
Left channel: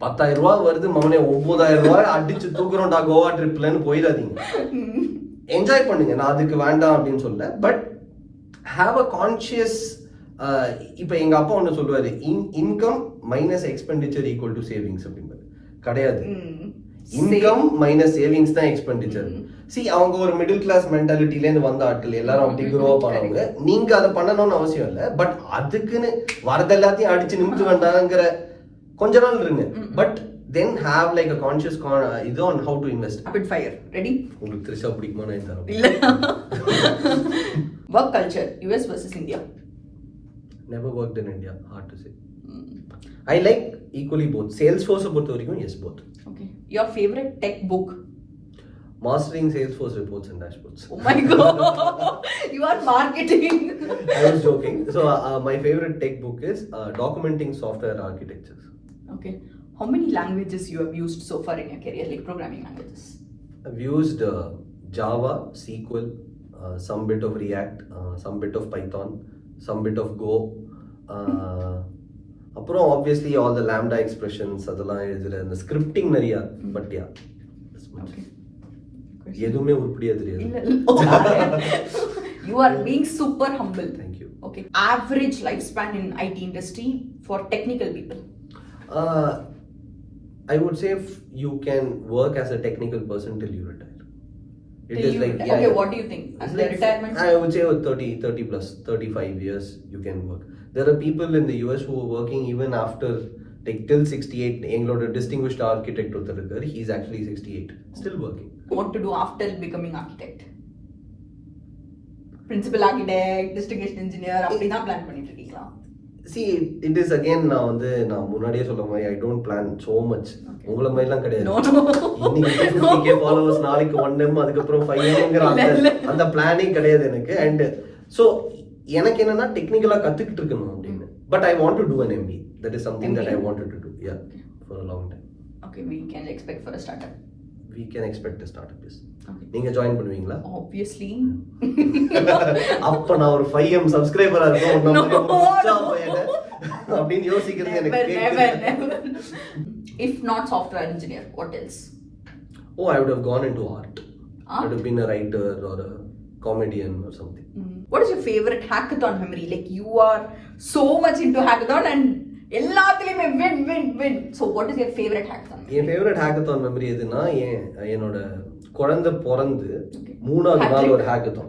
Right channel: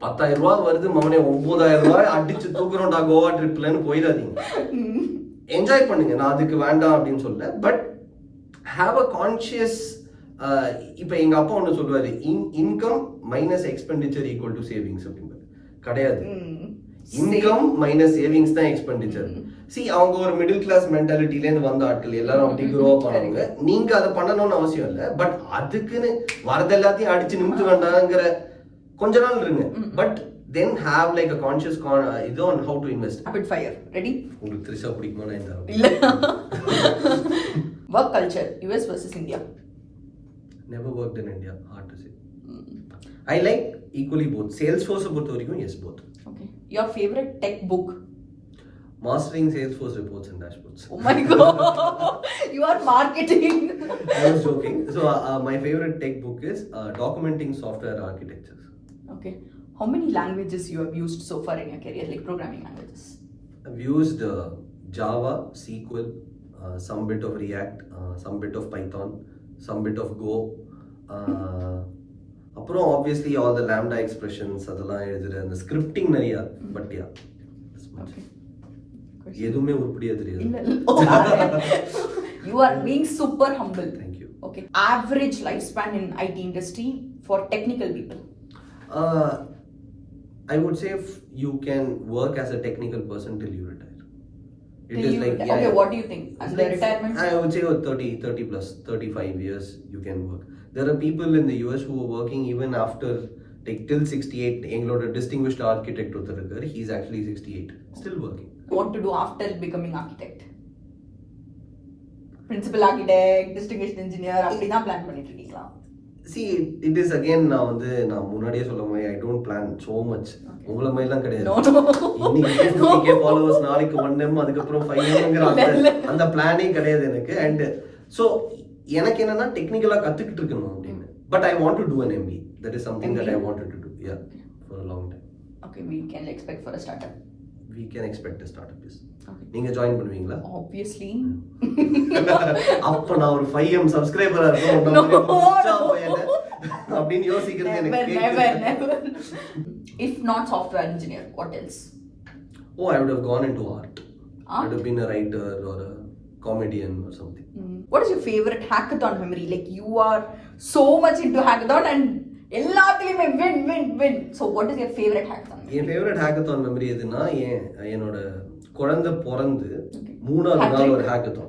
10,000 ரூபாய் வருது மவனே 9,000 ரூபாய் அடிச்சு தூக்குறோம்டா கோவா ட்ரிப்லன்னு போயிடாதீங்க. Enjoy பண்ணுங்க, நான் அதுக்கு வேண்டாம் அப்படின்னு சொல்ல. But have a conscious. இப்போ எங்க அப்பா ஒன்று சொல்லுவாரு, income minus expenditure equal to savings அப்படின்பாரு. கிடையாது, இன்கம் மைனஸ் சேவிங்ஸ் தான் எக்ஸ்பெண்டிச்சர். அவங்க ஒரு மிடில் கிளாஸ் மென்டாலிட்டில இருந்து வந்த ஆட்கள் எல்லாரும் அப்படி க்ரோ பண்ணுவாங்க. நீங்க அதை பண்ணணும்னு அவசியம் இல்லை. பட் அதுக்குன்னு வரது எல்லாத்தையும் அடிச்சு நிமித்து வேண்டாங்கிற கொஞ்ச நாள் இருங்க, but then have like a conscious இது on how to invest. Rapid fire. Ready? உங்களுக்கு த்ரிஷா பிடிக்குமா? நான் தரேன். இல்ல. Work culture, US versus India. Never worked in India, hard to say. I like equally both. Salesforce பொறுத்த வரைக்கும் yes both. Okay. Your favorite tech book? Mastering Salesforce reports and dashboards. Oh my god. You are marketing. I was joking. So my favorite tech book is Documenting Software Architectures. Okay. How many languages you have used so far in your career, like programming languages? I've used Java, SQL, some bit of React, some bit of Python, some bit of Go. அப்புறம் obviously all the lambda expressions அதெல்லாம் எழுதுற அந்த scripting நிறையா, but yeah. Okay. எதுவுமே உருப்படியா தெரியாது. You are being super humble. Thank you. Okay. Average lifespan in IT industry for technical people? I would say you can work as a technical person till you retire. It is like okay, yeah. What do you think? As like retirement? I would say 30 plus 35 years you can work. There are people in the US who are working even after like till 68. எங்களோட distinguished architect ஒருத்தர் இருக்காரு, he is actually 68 still working. What to do after becoming architect? Principal architect, distinguished engineer, அப்படினா plan பண்ணிட்டு இருக்கீங்களா? See, it is again நான் முன்னாடியே சொல்ல மாதிரி I don't plan so much. உங்கள மாதிரிலாம் கிடையாது. இன்னைக்கு 50k followers, நாளைக்கு 1M, அதுக்கப்புறம் 5Mங்கிற அந்த பிளானிங் கிடையாது எனக்கு. And so எனக்கு என்னன்னா டெக்னிக்கலா கத்துக்கிட்டு இருக்கணும் அப்படின்னு. But I want to do an MBA. That is something that I wanted to do. Yeah, for a long time. Okay, we can expect for a startup. We can expect a startup, yes. Okay. நீங்க join பண்ணுவீங்களா? Obviously. அப்ப நான் ஒரு 5M சப்ஸ்கிரைபரா இருக்கணும் நம்ம புடிச்சா பையனே அப்படினு யோசிக்கிறது எனக்கு கேக்குது. If not software engineer, what else? Oh, I would have gone into art. I would have been a writer or a comedian or something. What is your favorite hackathon memory? Like you are so much into hackathon and எல்லாத்துலயுமே win. So what is your favorite hackathon? N favorite hackathon memory எதுனா என்னோட குழந்தை பிறந்து 3வது நாள் ஒரு hackathon.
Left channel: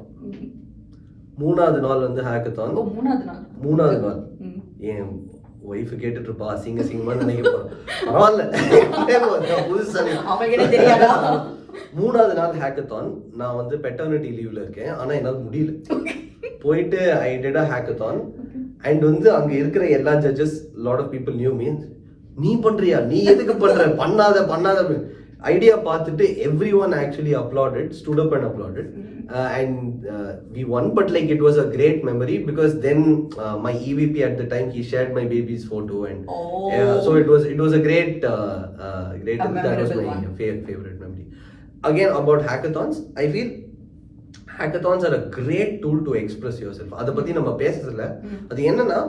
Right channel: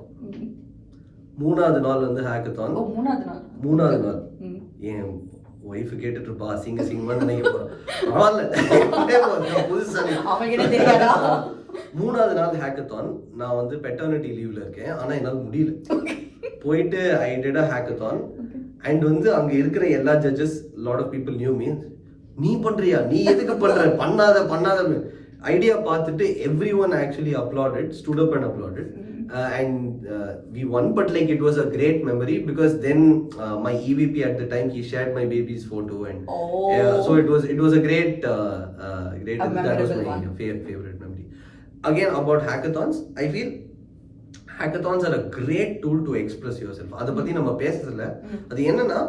3வது நாள் வந்து hackathon. ஓ 3வது நாள். என் வைஃப் கேட்டுட்டு இருப்பா, சிங்கமா நினைக்க போறோம். பரவாயில்ல, புதுசா அவங்கிட்ட தெரியாதா? 3வது நாள் hackathon. நான் வந்து பெட்டர்னிட்டி லீவ்ல இருக்கேன், ஆனா என்னால முடியல. போயிட்டு I did a hackathon and வந்து அங்க இருக்கிற எல்லா judges, lot of people knew me. நீ பண்றியா, நீ எதுக்கு பண்ற, பண்ணாத ஐடியா பார்த்துட்டு everyone actually applauded, stood up and applauded. And we won, but like it was a great memory because then my EVP at the time, he shared my baby's photo and so it was a great that was my favorite memory. Again, about hackathons, I feel hackathons are a great tool to express yourself. அதை பத்தி நம்ம பேசுறதுல அது என்னன்னா,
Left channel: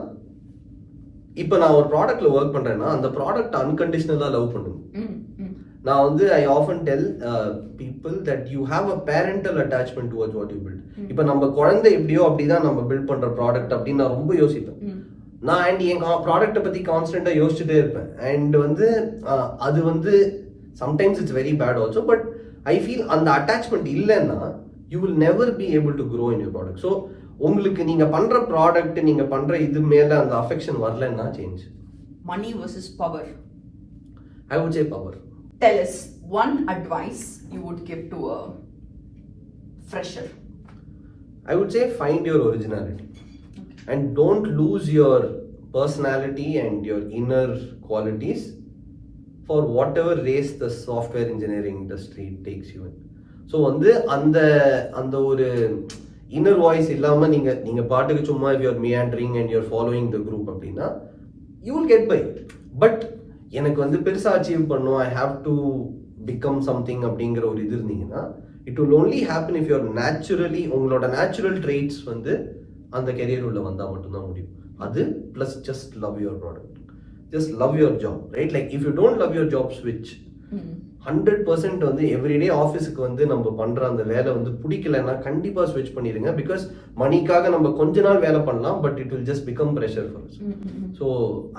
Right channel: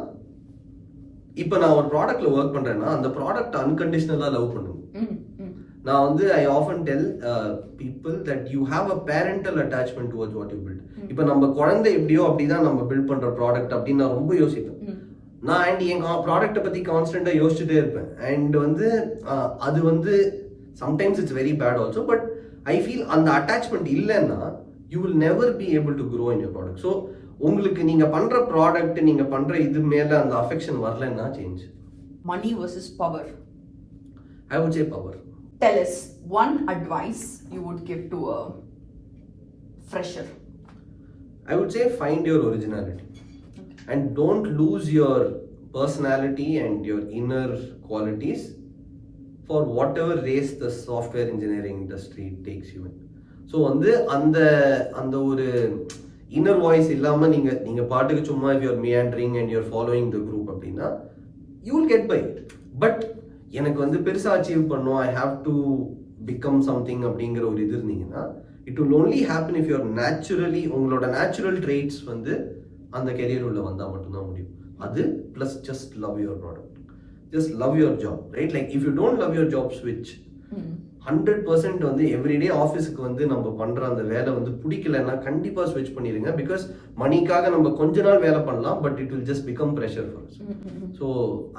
இப்போ நான் ஒரு ப்ராடக்ட்ல work பண்றேன்னா அந்த ப்ராடக்ட் அன்கண்டிஷனலா லவ் பண்ணுங்க. நான் வந்து I often tell people that you have a parental attachment towards what you build. இப்போ நம்ம குழந்தை எப்படியோ அப்படிதான் நம்ம பில்ட் பண்ற ப்ராடக்ட் அப்படின்னு நான் ரொம்ப யோசிப்பேன். நான் என் ப்ராடக்ட்டை பத்தி கான்ஸ்டன்டா யோசிச்சுட்டே இருப்பேன். அண்ட் வந்து அது வந்து sometimes it's very bad also, but I feel அந்த அட்டாச்மெண்ட் இல்லைன்னா you will never be able to grow in your product. So உங்களுக்கு நீங்க பண்ற ப்ராடக்ட், நீங்க பண்ற இது மேல அந்த அஃபெக்ஷன் வரலன்னா change. Money versus power? I would say power. Tell us one advice you would give to a fresher. I would say find your originality. And don't lose your personality and your inner qualities for whatever race the software engineering industry takes you in. So வந்து அந்த ஒரு inner voice இல்லாமல் நீங்கள் பாட்டுக்கு சும்மா if you're meandering and you're following the group அப்படின்னா you will get by. But எனக்கு வந்து பெருசாக அச்சீவ் பண்ணும், I have to become something அப்படிங்கிற ஒரு இது இருந்தீங்கன்னா it will only happen if you're naturally, உங்களோட நேச்சுரல் ட்ரெய்ட்ஸ் வந்து அந்த கெரியர் உள்ள வந்தால் மட்டும்தான் முடியும். அது plus just love your product, just love your job, right? Like if you don't love your job, switch. 100% வந்து எவ்ரிடே ஆஃபீஸுக்கு வந்து நம்ம பண்ற அந்த வேலை வந்து பிடிக்கலன்னா கண்டிப்பா ஸ்விட்ச் பண்ணிடுங்க. பிகாஸ் மணிக்காக நம்ம கொஞ்ச நாள் வேலை பண்ணலாம், but it will just become pressure for us. So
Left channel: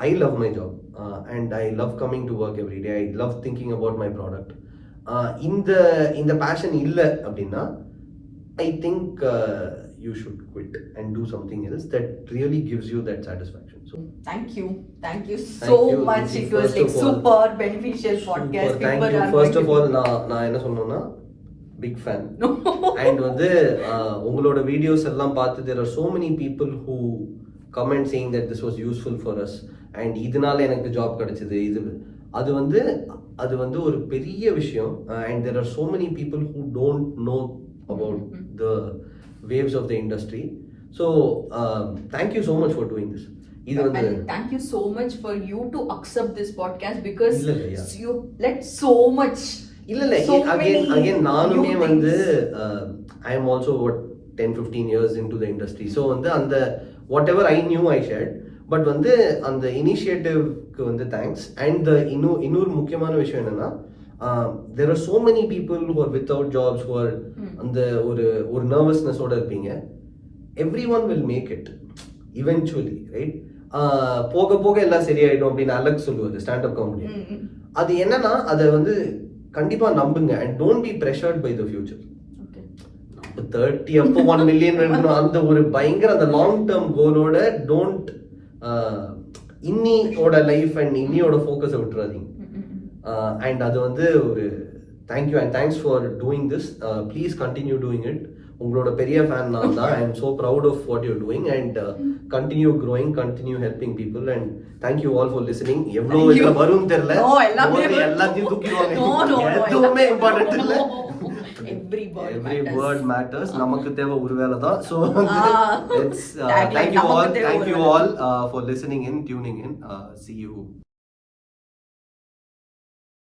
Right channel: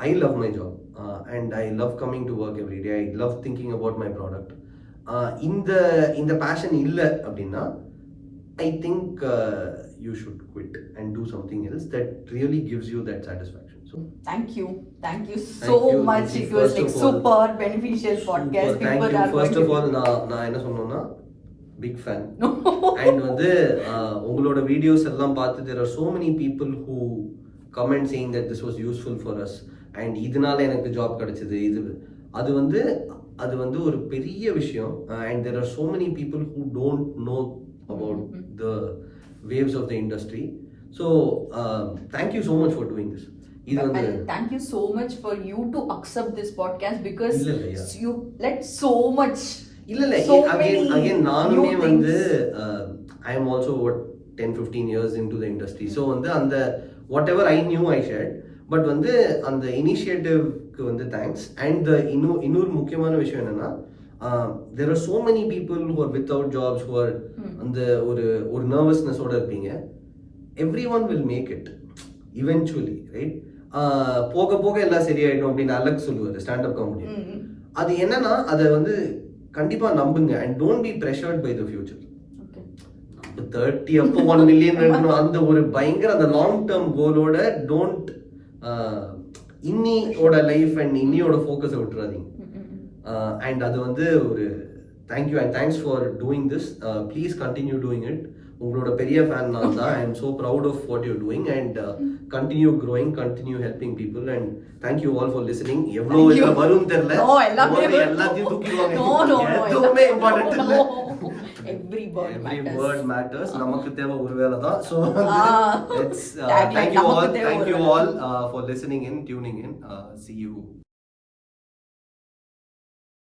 I love my job and I love coming to work everyday. I love thinking about my product. இந்த பேஷன் இல்லை அப்படின்னா I think you should quit and do something else that really gives you that satisfaction. Thank you so much. It was like super beneficial podcast. Thank you. First of all, நான் என்ன சொன்னேன்னா big fan. And வந்து உங்களோட videos எல்லாம் பார்த்து there are so many people who comment saying that this was useful for us and இதனால எனக்கு job கிடைச்சது. அது வந்து ஒரு பெரிய விஷயம். And there are so many people who don't know about the waves of the industry. So thank you so much for doing this. And thank you so much for you to accept this podcast because you let so much. Again நானுமே வந்து I am also 10-15 years into the industry. So வந்து அந்த whatever I knew I shared. But வந்து அந்த இனிஷியேட்டிவ்க்கு வந்து thanks. And இன்னொரு முக்கியமான விஷயம் என்னன்னா there are so many people who are without jobs, who are அந்த ஒரு நர்வஸ்னஸோட இருப்பீங்க. everyone will make it eventually, right? போக போக எல்லாம் சரியாயிடும் அப்படின்னு அலெக்ஸ் சொல்லுவாரு, ஸ்டாண்டப் காமெடி. அது என்னன்னா அதை வந்து கண்டிப்பா நம்புங்க and don't be pressured by the future. 30 அப்போ 1 million அந்த ஒரு பயங்கர அந்த லாங் டேர்ம் கோலோட டோன்ட் இன்னியோட லைஃப் அண்ட் இன்னியோட ஃபோக்கஸை விட்டுறாதீங்க. அண்ட் அது வந்து ஒரு thank you and thanks for doing this. Please continue doing it. உங்களோட பெரிய ஃபேன் நான் தான். I am so proud of what you're doing and continue growing, continue helping people and thank you all for listening. எவ்வளோ இதில் வரும் தெரியல, எல்லாத்தையும் தூக்கிடுவாங்க, எதுவுமே இம்பார்ட்டன்ட் இல்லை. Every word matters. நமக்கு தேவை ஒருவேளை தான். So it's thank you all for listening in, tuning in. See you.